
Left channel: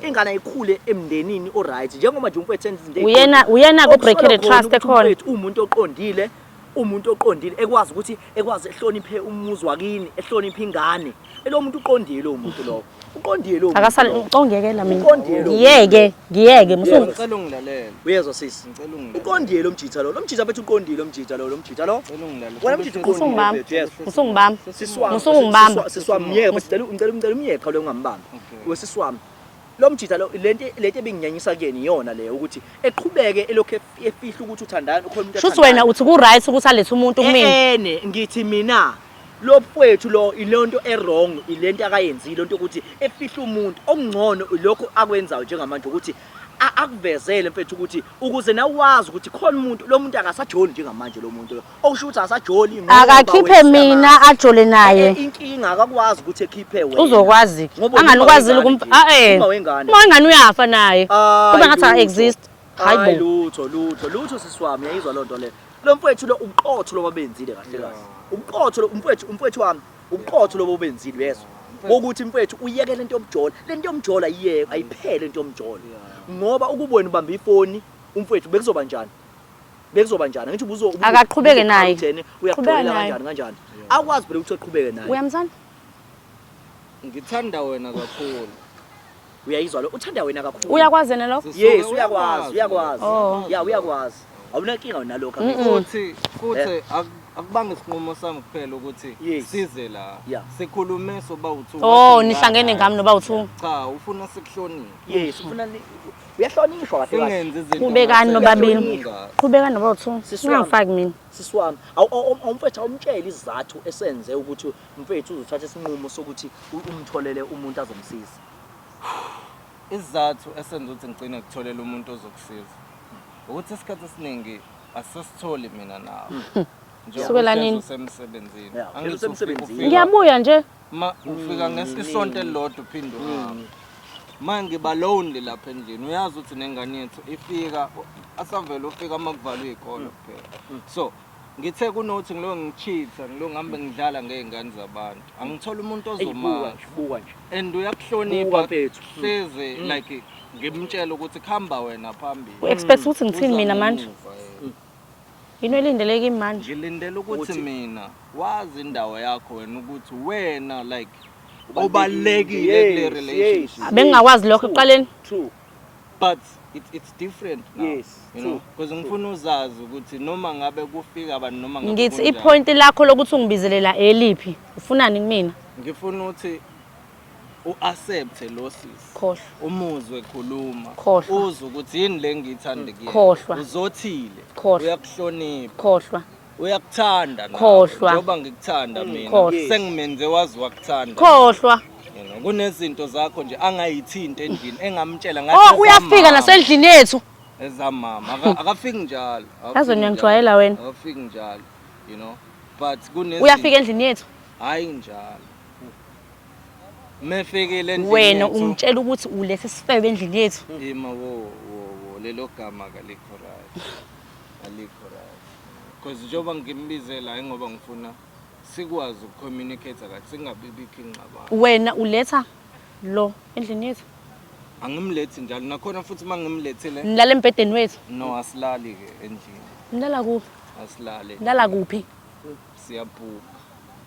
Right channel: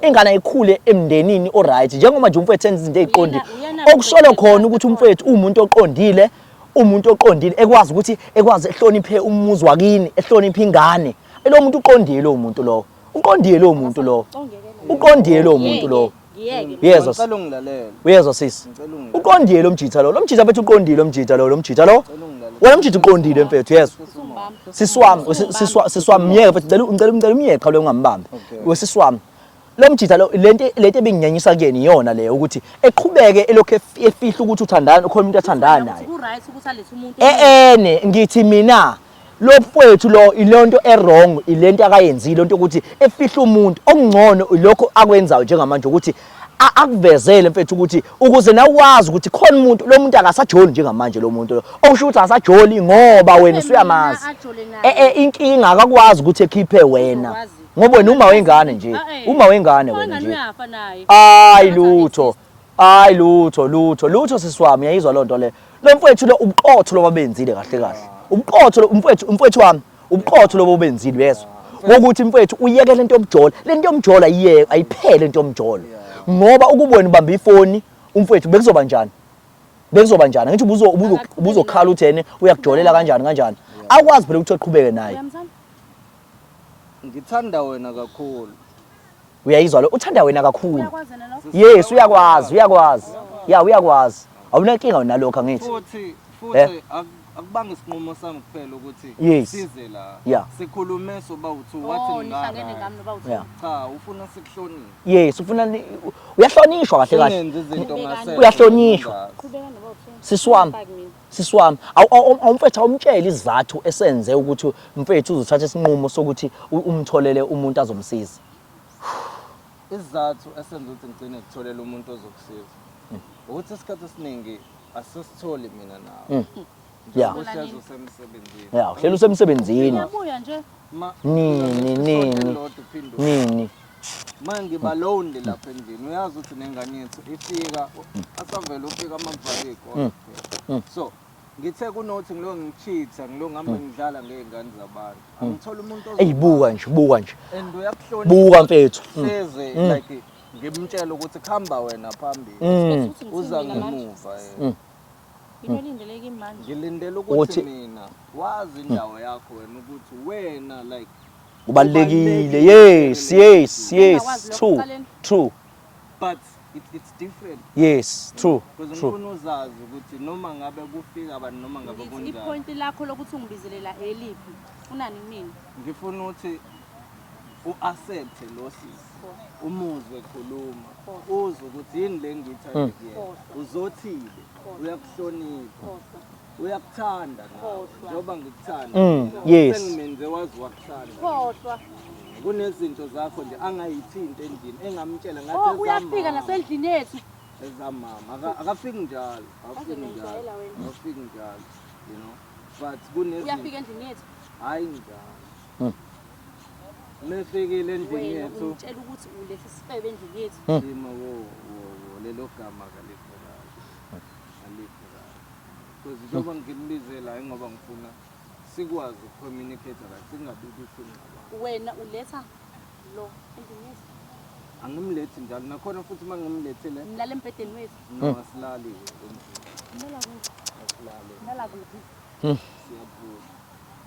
ingane ayikhule emndenini alright njengoba nje umfethu enza izinto eziqondile uyena ukubreakela khona ukuthi umfethu umuntu oqondile ekwazi ukuthi ehloniphe umuzi wakini ehloniphe ingane lo muntu uqondile lo muntu lo uqondile lo muntu lo akasaqongekela mina uqondile lo ngiyeke ngicela ungilalele uyezwa sisi uqondile lo mjitha lo mjitha bethu uqondile lo mjitha lo wena mjitha uqondile mfethu yezwa usungibamba siswami miyeke bethu ngicela umyeka lo ngambamba wesiswami lo mjitha lo lento ebinginyanyisa kuyena iyona leyo ukuthi eqhubeke elokho efihla ukuthi uthandana khona umuntu ethandana wena uthi ku right ukuthi alethe umuntu umini ngithi mina lo mfowethu lo ilonto errong ilento akayenzile into ukuthi efihla umuntu okungcono lokho akwenzayo njengamanje ukuthi akuvezele mfethu ukuthi ukuze nawe wazi ukuthi khona umuntu lo muntu akasajoli njengamanje lo muntu okusho ukuthi asajoli ngoba wena mina ajole naye inkinga akakwazi ukuthi ekhiphe wena uzokwazi ngoba uma wengane wengane uyafa naye hayi lutho sisiwami yayizwa loo nto le lo mfethu lo ubuqotho loba benzile kahle kahle ubuqotho umfethu wami ubuqotho lobo benzile yeso ukuthi mfethu uyeke lento yomjola iyeke ayiphele lento yomjola ngoba ukubona ubamba ifoni umfethu bekuzoba njani ngithi uzokhala uthene uyakujolela kanjani akwazi phela ukuthi uqhubeke naye uyamzana ngithanda wena kakhulu uyayizwa lo uthanda wena kakhulu uyakwazi yena lo yes uyakwazi uyakwazi awunenkinga nalokho futhi akubanga isinqumo sami kuphela ukuthi size la sikhulume soba uthu nihlangene ngami noba uthu cha ufuna sikuhloniphe yes ufuna uyahlonishwa kahle kahle ubekani nobabili qhubekani noba uthu siswami awumfethu awumtshela izathu esenze ukuthi mfethu uzothatha isinqumo sokuthi umtholele umuntu azomsiza izathu esenze ukuthi ngicine ngitholela umuntu ozokusiza ukuthi isikhathi esiningi asisitholi mina nawe kusukela nini semsebenzini semsebenzini ngiyabuya nje ufika ngesonto elilodwa uphinde manje ngiba lonely lapha endlini uyazi ukuthi nengane yethu ifika asavela ufika amavalo ikole kuphela so ngithe kunothi ngilo ngichitha ngilo ngihambe ngidlala ngezingane zabantu angithola umuntu ozoma buka nje and uyakuhlonipha buka mfethu hleze like ngimtshela ukuthi khamba wena phambili expect ukuthi ngithini mina manje into elindeleke manje ngilindele ukuthi mina wazi indawo yakho wena ukuthi wena like ubalekile yes bengakwazi lokho uqaleni true but it's different yes true because ngifuna uzazi ukuthi noma ngabe kufika abantu noma ngabe ngithi ipoint lakho lokuthi ungibizelela eliphi ufunani kumina ngifuna ukuthi uaccept losses khohlwa umuzwe khuluma uzwe ukuthi yini le ngiyithanda kuyena uzothile uyakuhlonipha khohlwa uyakuthanda njengoba ngikuthanda mina sengimenze wazi wakuthanda khohlwa kunezinto zakho nje angayithinta endlini engamtshela ngathi uyafika nasendlini yethu ezamama akafiki njalo yazo ngiyangijwayela wena akafiki njalo you know but uyafika endlini yethu hayi njalo mefikile endlini wena umtshela ukuthi ulethe sifebe endlini yethu ima wo lelo gama kalikho right because njengoba ngimbizela ngoba ngifuna sikwazi ukucommunicate kahle singabibikho ingxabano wena uletha lo endlini yethu angimlethi njalo nakhona futhi mangimlethele nilala embedeni wethu no asilali ke endlini nilala kuphi asilali nilala kuphi siyaphuka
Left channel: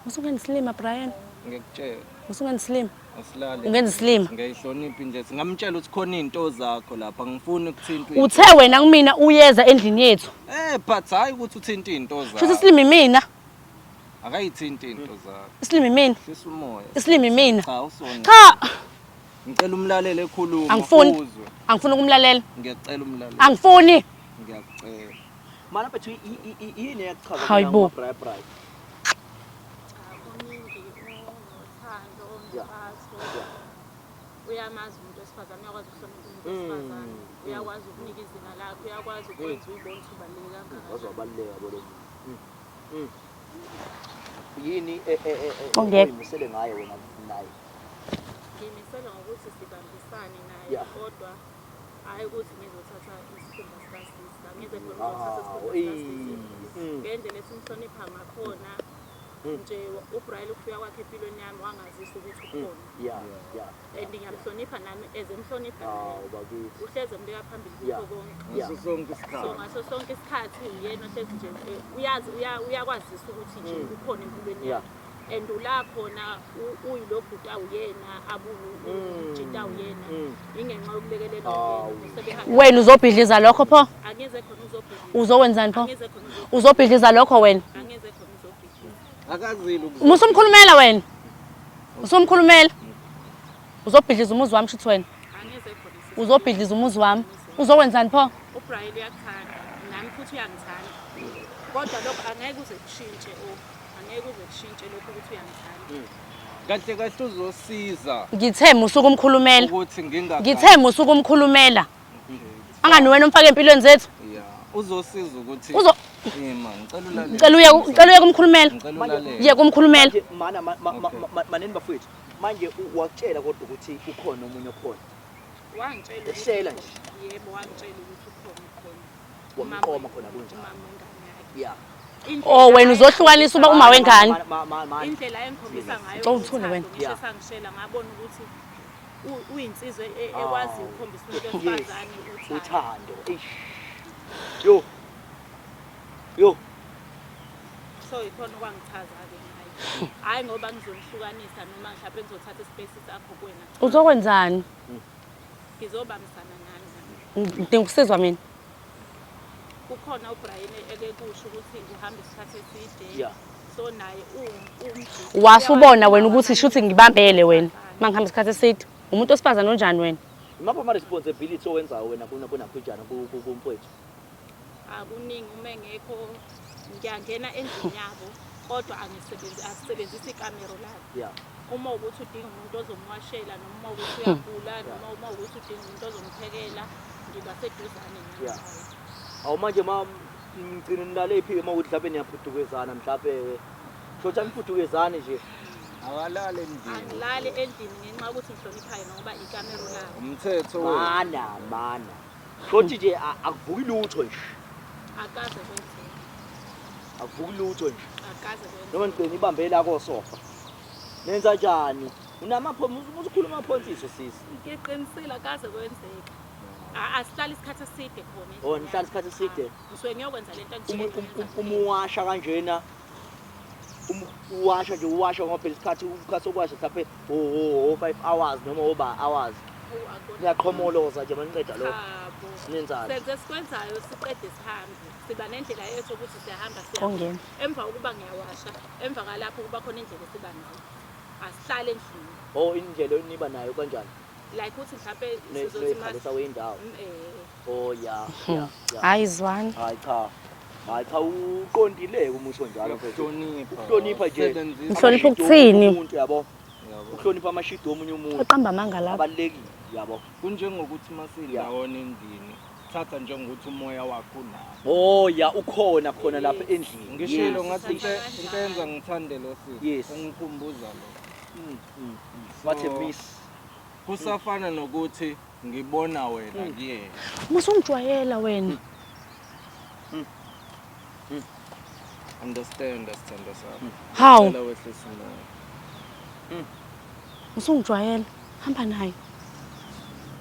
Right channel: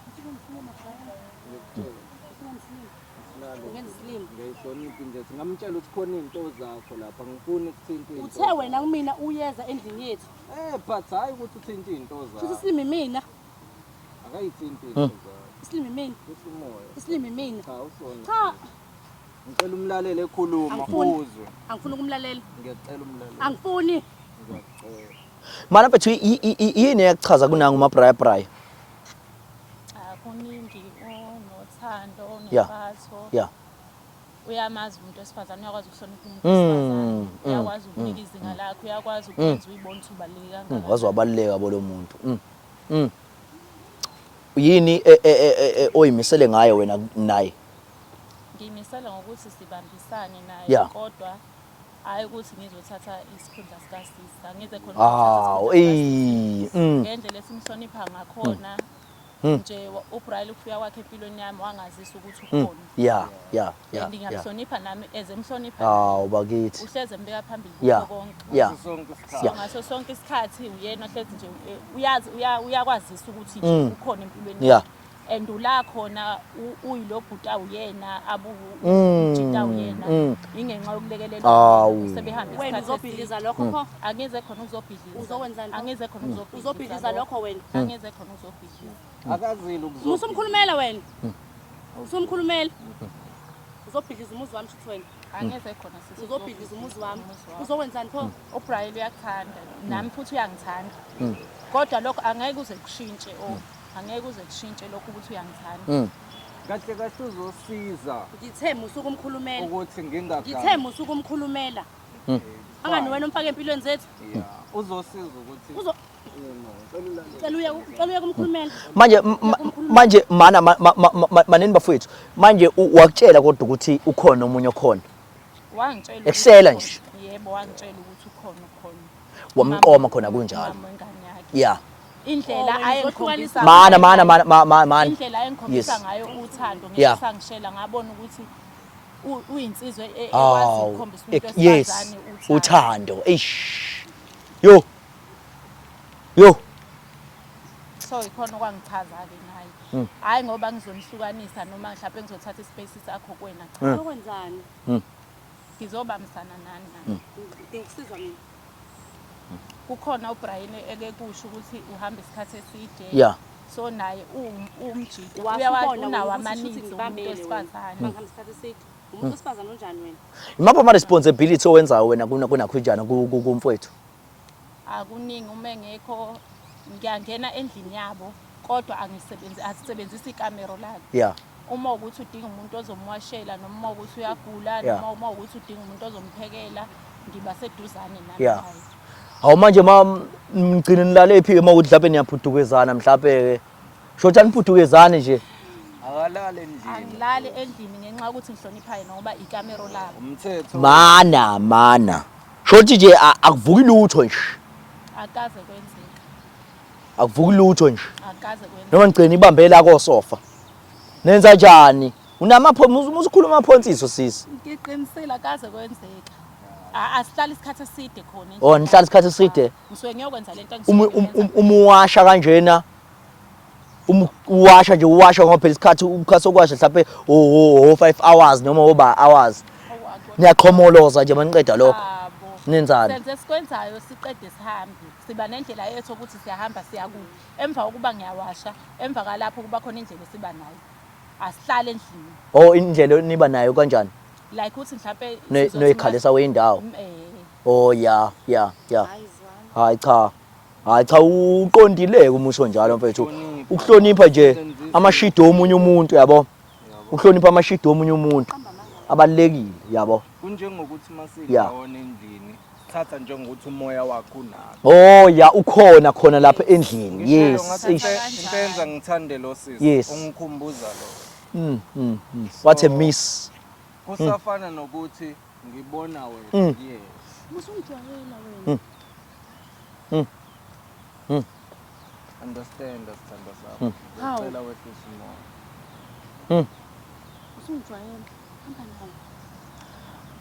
usungendislima Brian ngikutshela usungendislima asilali ungenza islima ngiyayihlonipha nje singamtshela ukuthi khona izinto zakho lapha ngifuni ukuthinta uthe wena kumina uyeza endlini yethu but hayi ukuthi uthinta izinto zakho futhi islimi mina akayithinta izinto zakho islimi mina sisumoya islimi mina cha usona cha ngicela umlalele ekhuluma angifuni ukumlalela ngiyacela umlalele angifuni ngiyacela mana mfethu yini eyakuchaza mina nguma-brayi kuningi onothando yeah uyamazi umuntu wesifazane uyakwazi ukuhlonipha umuntu wesifazane uyakwazi ukunika izinga lakho uyakwazi ukwenza uyibone ukuthi ubaluleke kangakanani wazi wabaluleka bolo muntu yini oyimisele ngayo wena naye ngimisele ngokuthi sibambisane naye kodwa hayi ukuthi ngizothatha isikhundla sikasista ngize khona ngendlela esimhlonipha ngakhona nje uBrian ukufika kwakhe empilweni yami wangazisa ukuthi ukhona ngiyamhlonipha nami ezemhlonipha bakithi uhleze mbeka phambili konke ngaso sonke isikhathi uyena ohlezi nje uyazi uyakwazisa ukuthi nje ukhona empilweni and ula khona uyilo bhuta uyena abujita uyena ingenxa yokulekelela wena uzobhidliza lokho pho angeze khona uzobhidliza uzowenzani pho angeze khona uzobhidliza lokho wena angeze khona uzobhidliza akazile musumkhulumela wena usumkhulumela uzobhidliza umuzi wami shithi wena angeze khona uzobhidliza umuzi wami uzowenzani pho uBrian uyakuthanda nami futhi uyangithanda kodwa lokho angeke uze kushintshe angeke uze kushintshe lokho ukuthi uyangithanda kahle kahle uzosiza ngithe musuku umkhulumela ukuthi ngithe musuku umkhulumela Angani wena umfake empilweni zethu. Yeah. Uzosiza ukuthi Uzo man, Ngicela uye kumkhulumela. Manje Ye kumkhulumela. manje maneni bafowethu manje wakutshela kodwa ukuthi ukhona omunye okhona Wangitshela. Ekusela nje. Yebo wangitshela ukuthi ukhona. wamqoma khona kunjalo yeah Oh wena uzohlukanisa uba mana ungawendlali. mana Indlela engikhombisa Yes. ngayo Uthule uthando wena. Yeah. ngisangishela ngabona ukuthi uyinsizwe Aw, ekwazi ukukhombisa umuntu yes wesifazane uthando yo so ikhona okwangithaza-ke ngayo hhayi ngoba ngizomhlukanisa noma mhlawumbe ngizothatha ispace sakho kuwena Uzokwenzani? ngizobambisana nani Ngidinga ukusizwa mina. kukhona uBrian ekekusho ukuthi uhamba isikhathi eside yeah so naye umjiki Wasubona wena ukuthi shuthi ngibambele wena. Mangihamba isikhathi eside. Umuntu osifazana onjani wena? imapha ama responsibility owenzayo wena kunakhujana kumfowethu akuningi uma engekho ngiyangena endlini yabo kodwa asisebenzisi ikamero labo yeah uma ukuthi udinga umuntu ozomwashela noma ukuthi uyagula Yeah. noma uma ukuthi udinga umuntu ozomphekela ngiba seduzane Yeah. naye awu manje mgcine nilalephi ke mawuthi mhlawumbe niyaphudukezana mhlawumbe shothi aniphudukezane nje akalale endlini. angilali endlini ngenxa yokuthi ngihloniphayo noma ikamero labo Umthetho mana shothi nje akuvuki lutho nje akaze kwenzeke akuvuki lutho nje akaze kwenzeke noma ngigcine ibambe la kosofa nenza njani usikhuluma amaphonsiso sisi ngiqinisile akaze kwenzeka asihlala isikhathi eside khona oh nihlala isikhathi eside ngisuke ngiyokwenza lento umuwasha kanjena uwasha nje uwasha ngoba phela isikhathi ukhaso kwasha mhlawumbe 5 hours noma oba hours niyaqhomoloza nje maniqeda lokho nenzani senze sikwenzayo siqede sihambe siba nendlela yethu ukuthi siyahamba Ongena. emva kokuba ngiyawasha emva kalapho kuba khona indlela esiba nayo asihlale endlini oh indlela niba nayo kanjani like ukuthi mhlawumbe noyikhalisa wendawo oh yeah Hayi zwani. hayi cha uqondile umusho njalo mfethu ukuhlonipha nje amashido omunye umuntu yabo ukuhlonipha amashido omunye umuntu Uqamba manga la. abalekile yabo kunjengokuthi masiyawona endlini thatha njengokuthi umoya wakho unawo. oh ya ukhona khona lapha endlini yes Ngisenza ngithande lo Yes. sisi ungikhumbuza lo. what a miss Kusafana nokuthi ngibona wena kuyena. Musungijwayela wena. Understand sithando sami. How? Cela wehlisa umoya. Musungijwayela. Hamba naye.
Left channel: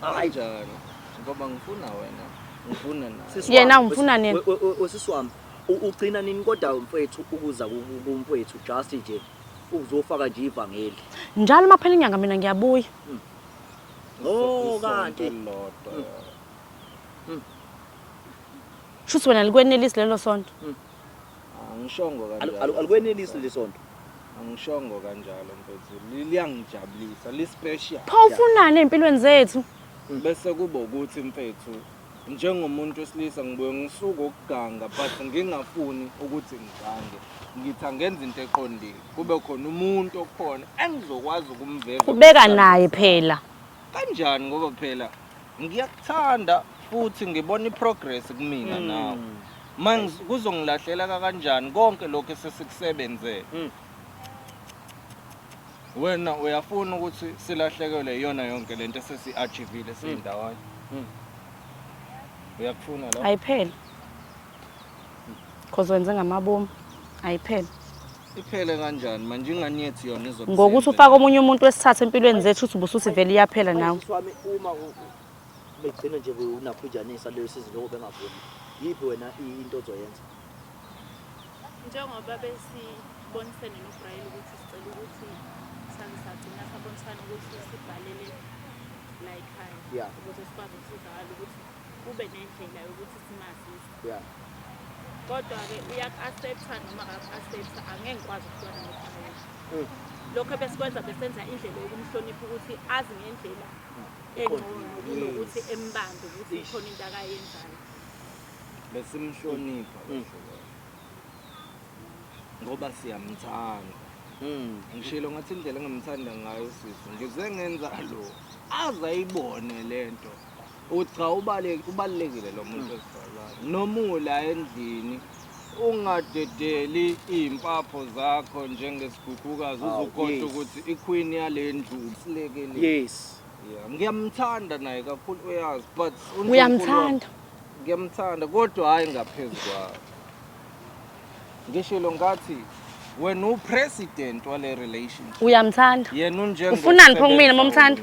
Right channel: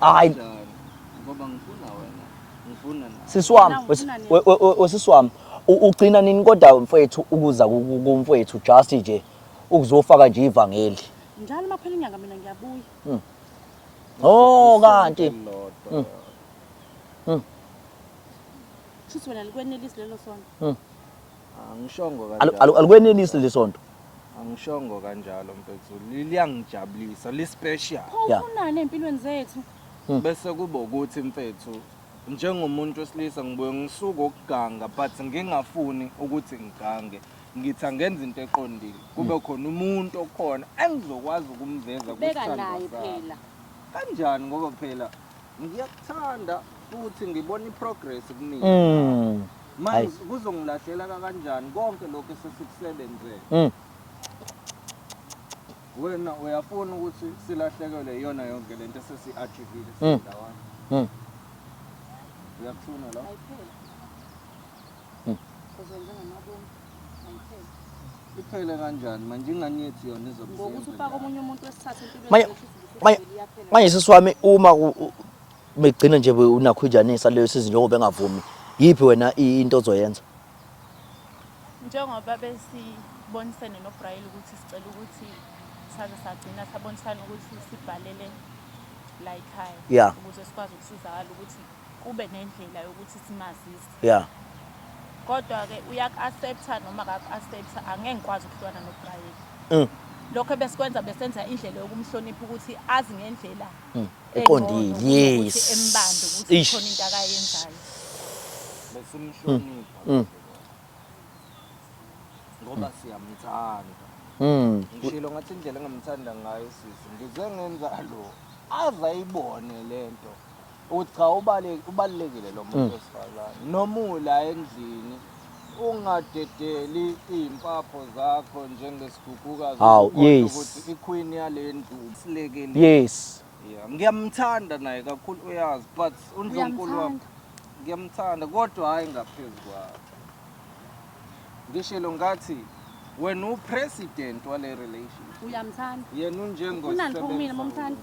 hayi Njani? Ngoba ngifuna wena. Ngifuna nawe. sisi Yena wami ufuna nini? sisi wami ugcina nini kodwa mfethu ukuza kumfethu just nje ukuzofaka nje ivangeli Njalo maphela inyanga mina ngiyabuya. oh kanti Shuthi wena likwenelisi lelo sonto. Angishongo kanjalo. alikwenelisi lesonto Angishongo kanjalo mfethu. Liyangijabulisa, li special. Pha ufunani empilweni zethu? Bese kuba ukuthi mfethu njengomuntu wesilisa ngibuye ngisuka ukuganga but ngingafuni ukuthi ngigange. Ngithi angenza into eqondile. Kube khona umuntu okhona engizokwazi ukumveza. Ubeka naye phela. Kanjani ngoba phela ngiyakuthanda futhi ngibona iprogress kumina nawe. Manje kuzongilahlela kanjani konke lokho esesikusebenze. Wena uyafuna ukuthi silahlekelwe iyona yonke lento esesi-achievile sindawanye. Uyakufuna lo? Ayiphela. Cause wenze ngamabomu. Ayiphela. Iphele kanjani manje inganiyethi yona izokusebenza. Ngokuthi ufaka omunye umuntu wesithathu empilweni zethu uthi ubusuthi vele iyaphela manje nawe. sisi wami uma megcina nje unakhujanisa leyo sizinto njengoba engavumi yipi wena into ozoyenza njengoba besibonisene noBrian ukuthi sicela ukuthi sagcina sabonisana ukuthi sibhalele la ekhaya Yeah. ukuze sikwazi ukusizakala ukuthi kube nendlela yokuthi simazise yeah kodwa-ke uyaku-accepta noma akaku-accepta angeke ngikwazi ukuhlukana noBrian lokho besikwenza besenza indlela yokumhlonipha ukuthi azi ngendlela eqondile yes embambe ukuthi khona into akayenzayo besimhlonipha. Ngoba siyamthanda. Ngishilo ngathi indlela engamthanda ngayo sisi ngize ngenza lo azayibone lento uthi cha ubalekile lo muntu wesifazane noma ula endlini ungadedeli impapho zakho njengesigugukazi ukuthi iqueen yale ndlu silekeni. Yes. Yeah, ngiyamthanda naye kakhulu uyazi but Uyamthanda. ngiyamthanda kodwa hayi ngaphezulu kwakho. Ngishilo ngathi wena upresident wale relationship. Uyamthanda. Yena unjengo. Ufunani pho kumina momthanda?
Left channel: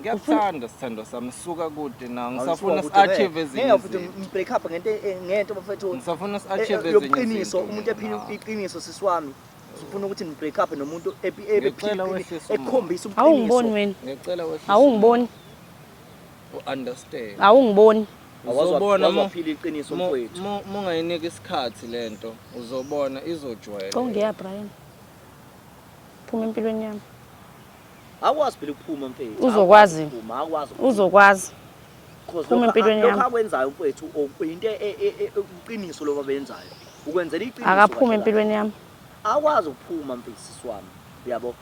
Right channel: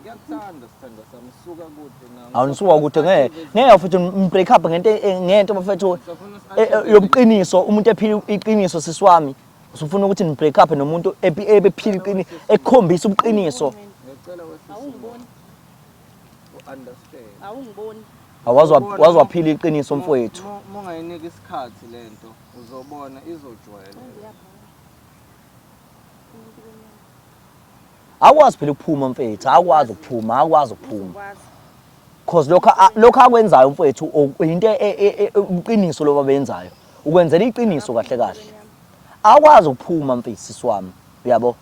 Ngiyakuthanda sithando sami suka kude na Awusuka kude ngeke futhi break up ngento bafethu yobuqiniso umuntu ephila iqiniso sisiwami. Usufuna ukuthi ni break up nomuntu ebephila iqiniso ekhombisa ubuqiniso. Ngicela wehle. Awungiboni. Understand. Awungiboni. Waziwaphila iqiniso mfowethu. Mungayinika isikhathi lento uzobona izojwayela. Kongiya Brian. Phuma empilweni yami. Akwazi phela ukuphuma mfethu, akwazi ukuphuma, akwazi ukuphuma. Uzokwazi. Because lokho akwenzayo mfethu into uqiniso lo babenzayo. Ukwenzela iqiniso kahle kahle. Akaphuma empilweni yami. Akwazi ukuphuma mfethu siswami, uyabo?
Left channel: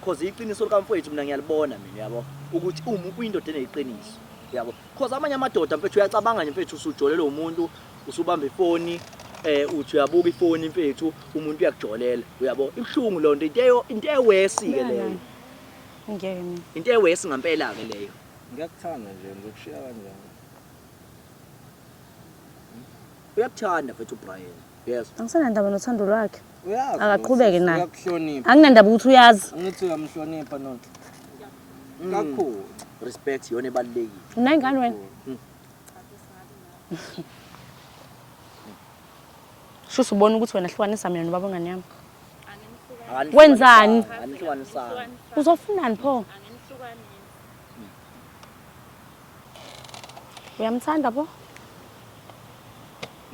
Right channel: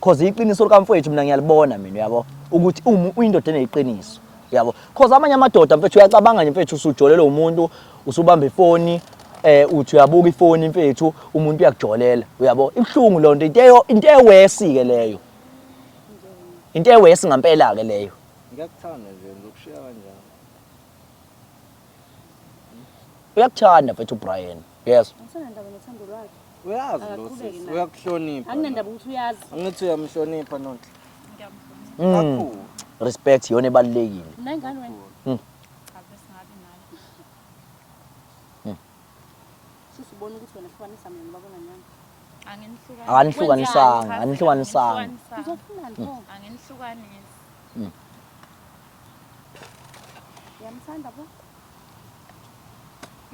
Because iqiniso likamfethu mina ngiyalibona mina, uyabo? Ukuthi uyindoda eneqiniso, uyabo? Because amanye amadoda mfethu uyacabanga nje mfethu usujolela umuntu, usubamba ifoni, uthi uyabuka ifoni mfethu, umuntu uyakujolela, uyabo? Ibhlungu lo nto into ewesi ke leyo. Ngeke mina. Into ewesi ngempela ke leyo. Ngiyakuthanda nje ngokushiya kanjalo. Uyakuthanda mfethu Brian. Yes. Angisenandaba nothando lwakhe. Uyazi. Akaqhubeke naye. Uyakuhlonipha. Anginandaba ukuthi uyazi. Ngithi uyamhlonipha nonke. Kakhulu. Respect yona ebalekile. Unayingane wena? Shuthi ubona ukuthi wena hlukanisa mina nobaba ngane yami. Anihlukanisanga. Uzofunani pho? Angenihlukanisa. Uyamthanda pho?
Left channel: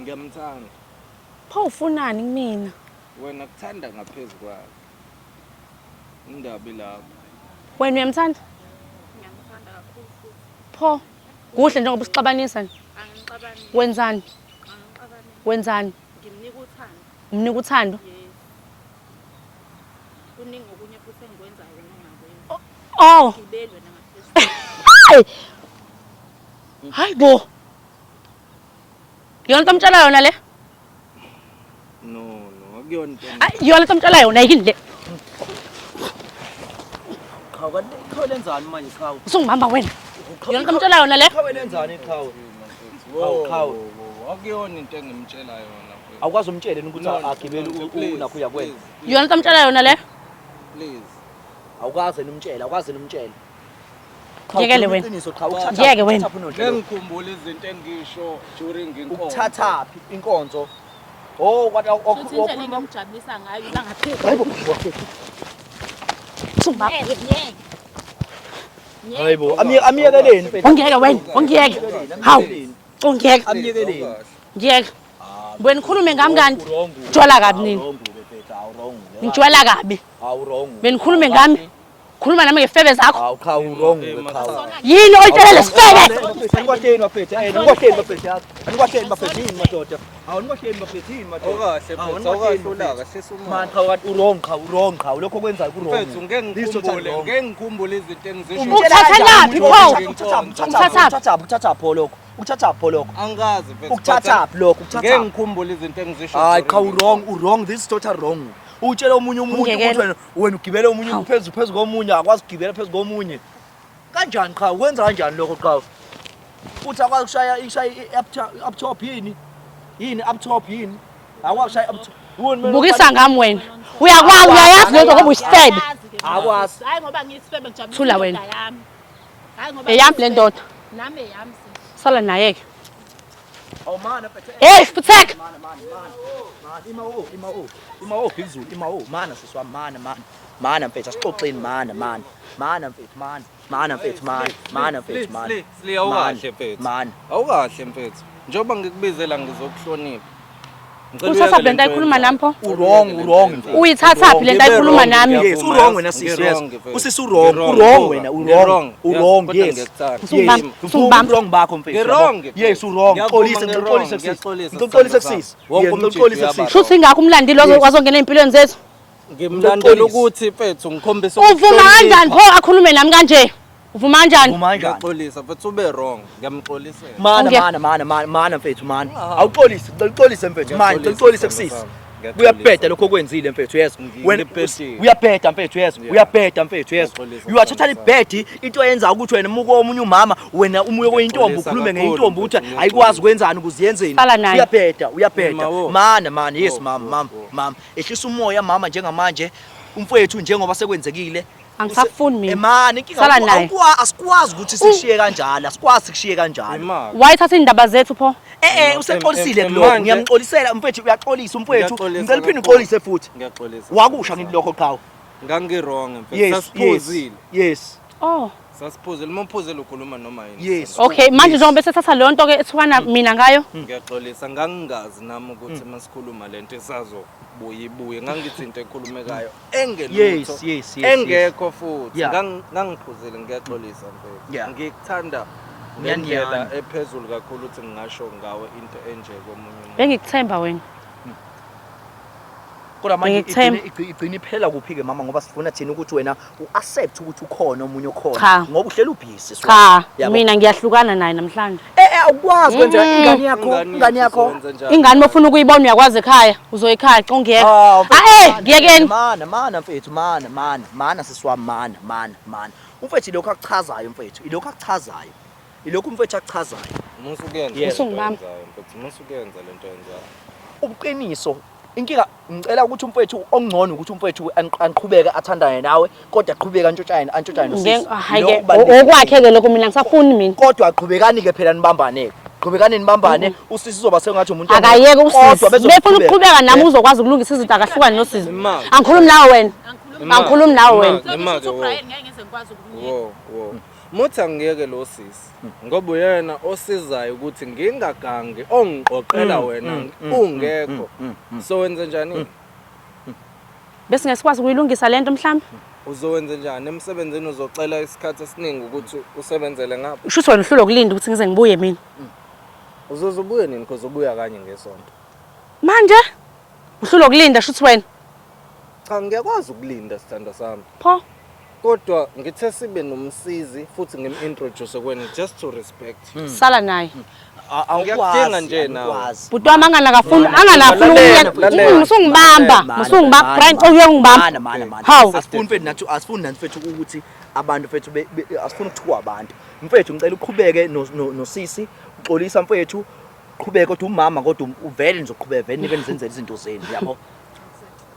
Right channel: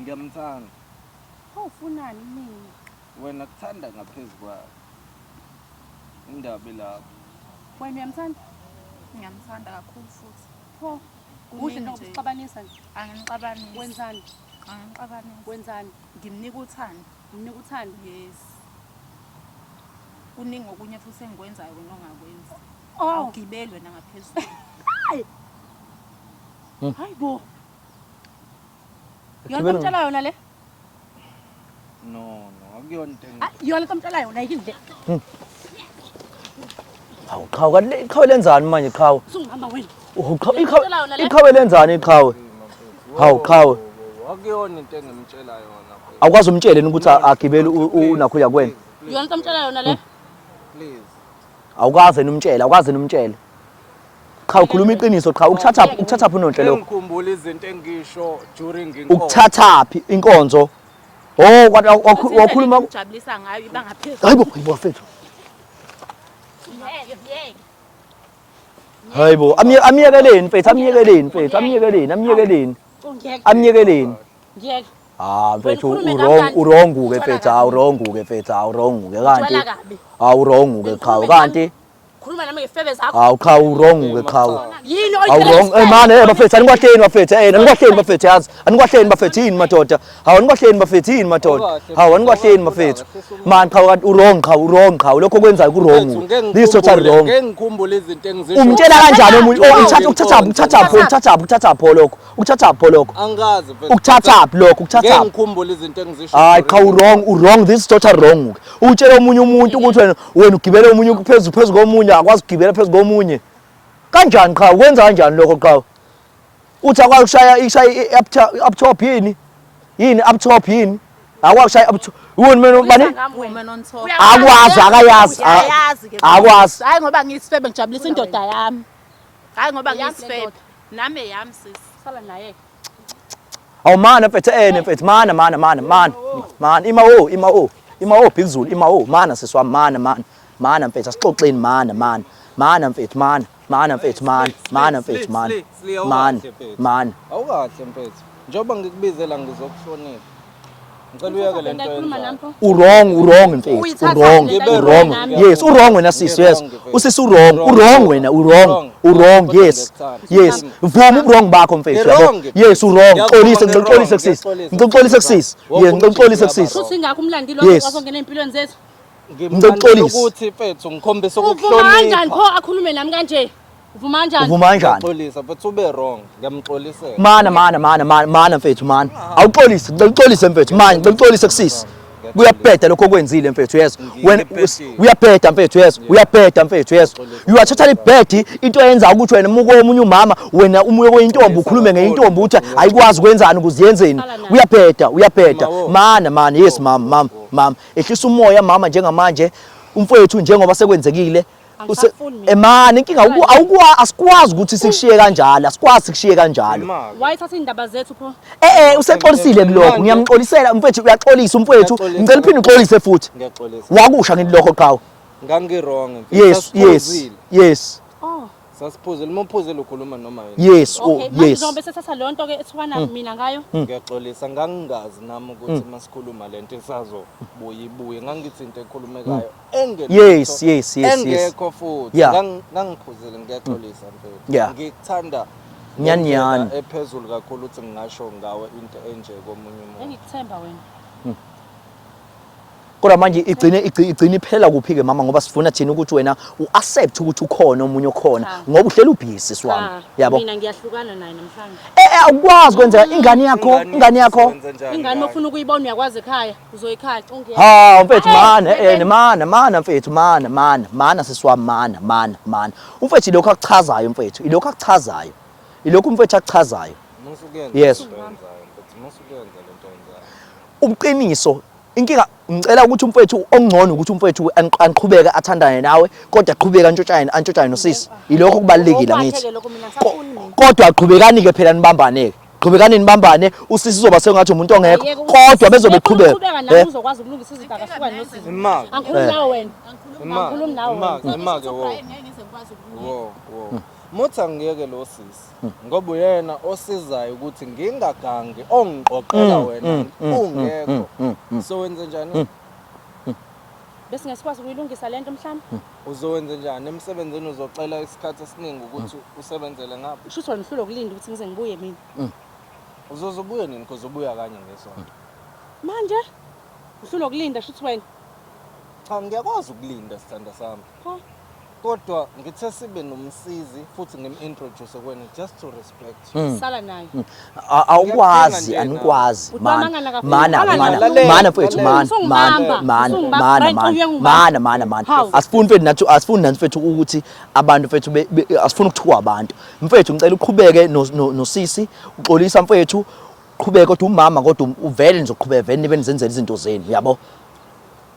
Ngiyamthanda. Pho ufunani kumina? Wena kuthanda ngaphezulu kwakho. Indaba lapho. Wena uyamthanda? Ngiyamthanda kakhulu futhi. Pho kuhle njengoba usixabanisa. Anginixabanisi. Wenzani? Anginixabanisi. Wenzani? Ngimnika uthando. Umnika uthando? Yes. Kuningi okunye futhi engikwenzayo wena ongakwenzi. Oh. Gibelwe nangaphezulu. Hayi bo. Yona into omtshela yona le? No, akuyona into. Yona into omtshela yona yini le? Iqhawe lenzani manje iqhawe? Usungibamba wena. Yona into omtshela yona le? Iqhawe lenzani iqhawe? Hawu qhawe. Akuyona into engimtshela yona. Awukwazi umtshele ukuthi agibele unakho yakwena. Yona into omtshela yona le? Please. Awukaze numtshele. Qhawe khuluma iqiniso qhawe ukuthatha phi nonhle lo? Ngikhumbula izinto engisho during inkonzo. Ukuthatha phi inkonzo? Oh wakhuluma Ujabulisa ngayo bangaphezulu. hayibo wafethu. Hayibo amiyekeleni mfethu amiyekeleni. Amiyekeleni. Ngiyeke. Wena Mfethu, ukhulume ngangani? uronguke Jwala mfethu, kabi. awuronguke mfethu awuronguke Ujwala kabi. awuronguke Wena ukhulume ngami. Khuluma nami ngefebe zakho. awuronguke qhawe Yini oyitshela lesifebe? manje bafethu anikwahleni bafethu anikwahleni bafethu yazi anikwahleni bafethu yini madoda anikwahleni bafethu yini madoda anikwahleni bafethu man qhawe kanti urongi qhawe lokho kwenzayo kurongu this total wrong ngikhumbula izinto engizisho. umtshela kanjani umuntu ukuthatha pho lokho Angazi mfethu. ukuthatha lokho ukuthatha ngikhumbula izinto engizisho. hayi qhawe wrong this total wrong utshela omunye umuntu ukuthi wena ugibele omunye phezulu komunye akwazi ukugibela phezulu komunye kanjani qhawe kwenza kanjani lokho qhawe uthi akwazi ukushaya up top yini up top yini akwazi ukushaya up top Ukisa ngami wena. Uyakwazi akwazi Hayi ngoba ngisifebe ngijabulisa Thula indoda wena. yami. Hayi ngoba eyami le ndoda. nami eyami sisi. Sala naye ke. awumana mfethu mfethu mana imawo phezulu imawo mana seswami mana mfethu asixoxeni mana mfethu Awukahle mfethu. Njoba ngikubizela ngizokuhlonipha. Uthatha le nto ayikhuluma nami pho? Wrong mfethu Uyithatha le nto ayikhuluma nami. yes wrong wena sis yes usisi wrong wena wrong yes mvuma wrong bakho mfethu yabo yes wrong ngixolise sis ngixolise sis Futhi ngakho umlandi lo kwazongena empilweni zethu. Ngimlandela ukuthi mfethu ngikhombisa Uvuma kanjani pho akhulume nami kanje? uvuma kanjani? uvuma kanjani? Xolisa but ube wrong. Ngiyamxolisela. Mana mfethu mana. Awuxolise, ngixolise mfethu manje, ngixolise kusisi. Kuyabheda lokho okwenzile mfethu yes. Wena uyabheda mfethu yes. Uyabheda mfethu yes. You are totally bad into eyenza ukuthi wena muko omunye umama wena umuye kwentombi ukhulume ngeintombi ukuthi ayikwazi ukwenzani ukuziyenzeni. Uyabheda. Mana yes mama. Ehlisa umoya mama njengamanje umfethu njengoba sekwenzekile. Angisafuni mina. Mani inkinga asikwazi ukuthi sikushiye kanjalo, asikwazi sikushiye kanjalo. Wayithatha indaba zethu pho? Usexolisile kulokho. Ngiyamxolisela mfethu uyaxolisa umfethu. Ngicela uphinde uxolise futhi. Ngiyaxolisa. Wakusha ngithi lokho qhawe. Ngangirong mfethu. Yes. Oh. Sasiphuzile umphuzile ukhuluma noma yini. Yes. Okay, manje njengoba sethatha leyo nto ke ethukana mina ngayo. Ngiyaxolisa ngangingazi nami ukuthi masikhuluma lento isazobuye ngangithi into ekhulumekayo engelutho. Yes. Engekho futhi ngangiphuzile ngiyaxolisa mfethu. Ngikuthanda Nyanyana ephezulu kakhulu ukuthi ngingasho ngawe into enje komunye umuntu. Bengikuthemba wena. Kodwa manje igcina iphela kuphi ke mama ngoba sifuna thina ukuthi wena uaccept ukuthi ukhona omunye okhona ngoba uhlela ubhisi swami. Yabo. Mina ngiyahlukana naye namhlanje. Awukwazi kwenza ingane yakho. Ingane mofuna ukuyibona uyakwazi ekhaya, uzoyikhaya congeke. Mana mfethu mana sisiwami mana. Umfethu lokho akuchazayo mfethu. Ilokho akuchazayo. Ilokho umfethu akuchazayo. Musukuyenza mfethu musukuyenza lento yenzayo. Ubuqiniso inkinga ngicela ukuthi umfethu ongcono ukuthi umfethu anqhubeke athandane nawe kodwa aqhubeka antshotshane nosisi lokho kubalekile okwakhe ke lokho mina ngisafuni mina kodwa aqhubekani ke phela nibambane qhubekani nibambane usisi uzoba sengathi umuntu kodwa bezoqhubeka nami uzokwazi ukulungisa izinto akahlukani nosisi angikhulumi nawe wena angikhulumi nawe wena imake ngeke ngize ngikwazi wo Muthi angiyeke lo sisi ngoba uyena osizayo ukuthi ngingagangi ongiqoqela wena ungekho so wenze njani bese ngesikwazi ukuyilungisa lento mhlawumbe uzowenza njani emsebenzini uzocela isikhathi esiningi ukuthi usebenzele ngapha usho wena uhlulo kulinda ukuthi ngize ngibuye mina uzobuye nini because ubuya kanye ngesonto manje uhlulo kulinda shuthi wena cha ngiyakwazi ukulinda sithanda sami pho kodwa ngithe sibe nomsizi futhi ngimintroduce kwena just to respect sala naye angikwazi buti wami angalafuna usungibamba Brian uyongibamba asifuni mfethu ukuthi abantu mfethu asifuni ukuthuka abantu mfethu ngicela uqhubeke nosisi uxolisa mfethu uqhubeke kodwa umama kodwa uvele nje uqhubeke vele nibe nizenzela izinto zenu yabo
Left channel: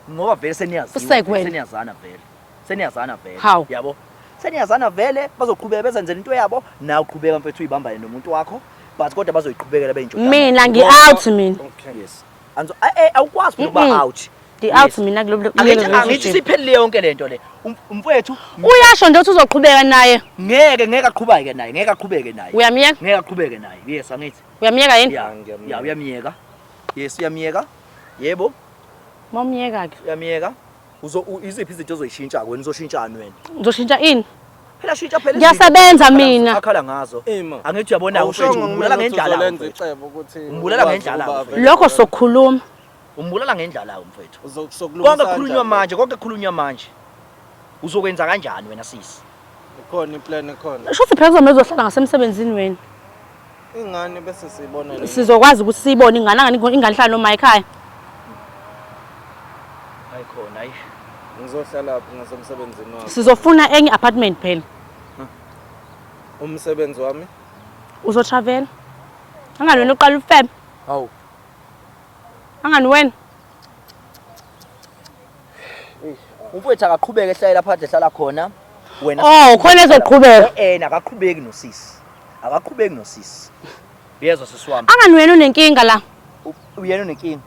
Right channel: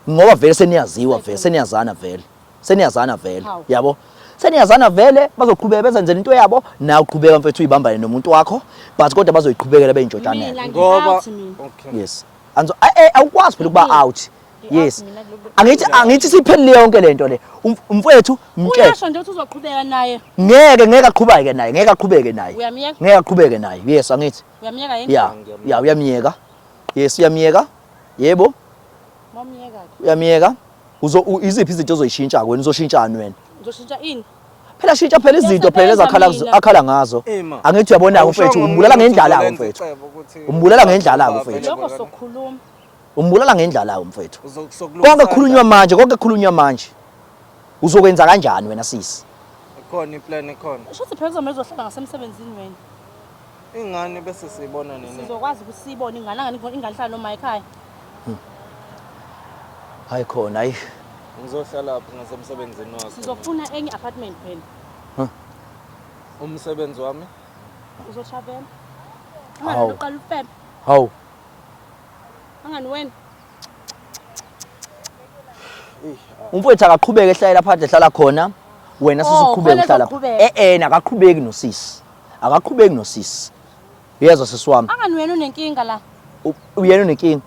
ngoba vele seniyazana vele yabo seniyazana vele bazoqhubeka bezenzela into yabo nawe uqhubeka mfethu uyibambane nomuntu wakho but kodwa bazoyiqhubekela beyinjodana mina ngi-out mina yes awukwazi ukuba out out mina kulo angithi siphelile yonke lento le umfethu uyasho nje ukuthi uzoqhubeka naye ngeke aqhubeke naye uyamiyeka ngeke aqhubeke naye yes angithi uyamiyeka yini ya uyamiyeka yes uyamiyeka yebo momiyeka ke uyamiyeka iziphi izinto ozoyishintsha wena uzoshintshana wena uzoshintsha ini phela shintsha phela izinto akhala ngazo angithi uyabona mfethu umbulala ngendlala mfethu umbulala ngendlala mfethu lokho sokukhuluma umbulala ngendlala mfethu konke kukhulunywa manje uzokwenza kanjani wena sisi ikhona iplan ikhona shothi phela kuzomezohlala ngasemsebenzini wena ingane bese siyibonela sizokwazi ukuthi siyibone ingane inganihlala noma ekhaya hayi khona hayi ngizohlala lapha ngasemsebenzini wakho sizofuna enye apartment phela umsebenzi wami uzotravel angani wena uqala ufem hawu angani wena umfowethu akaqhubeke ehlala phandle ehlala khona wena khona ezoqhubeka akaqhubeki nosisi yezwa sisi wami angani wena unenkinga la uyena unenkinga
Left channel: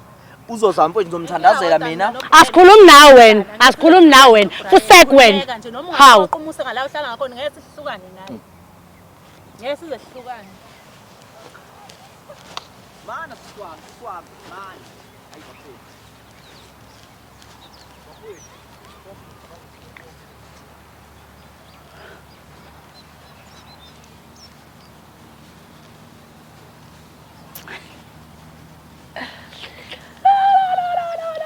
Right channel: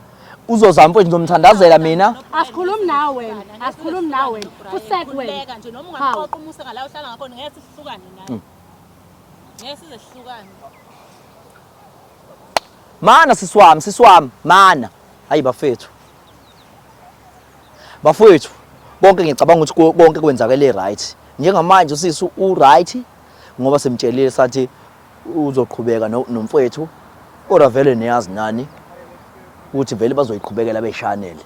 uzozama mfowethu ngizomthandazela mina asikhulumi nawe wena kusek wena hawu uqhumuse ngala uhlala ngakho ngeke sihlukane naye ngeke sizehlukane mana sisi wami mana hayi bafethu bonke ngicabanga ukuthi konke kwenzakele right njengamanje usisi right ngoba semtshelile sathi uzoqhubeka nomfowethu kodwa vele niyazi nani ukuthi vele bazoyiqhubekela beshanele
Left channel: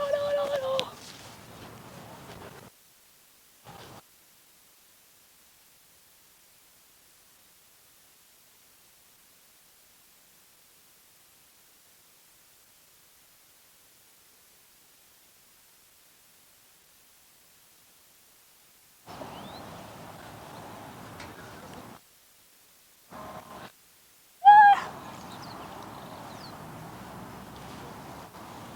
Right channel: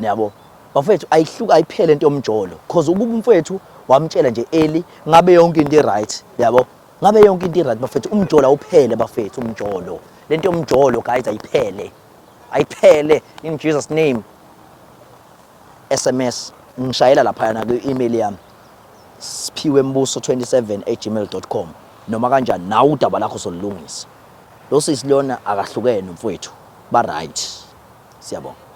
yabo bafethu ayiphele into yomjolo because ukuba umfowethu wamtshela nje early ngabe yonke into right yabo ngabe yonke into right bafethu umjolo awuphele bafethu umjolo lento yomjolo guys ayiphele in Jesus name SMS ngishayela lapha na ku-email yami sphiwembuso27@gmail.com noma kanjani nawe udaba lakho solungisa lo sisilona akahlukene mfowethu ba right siyabonga.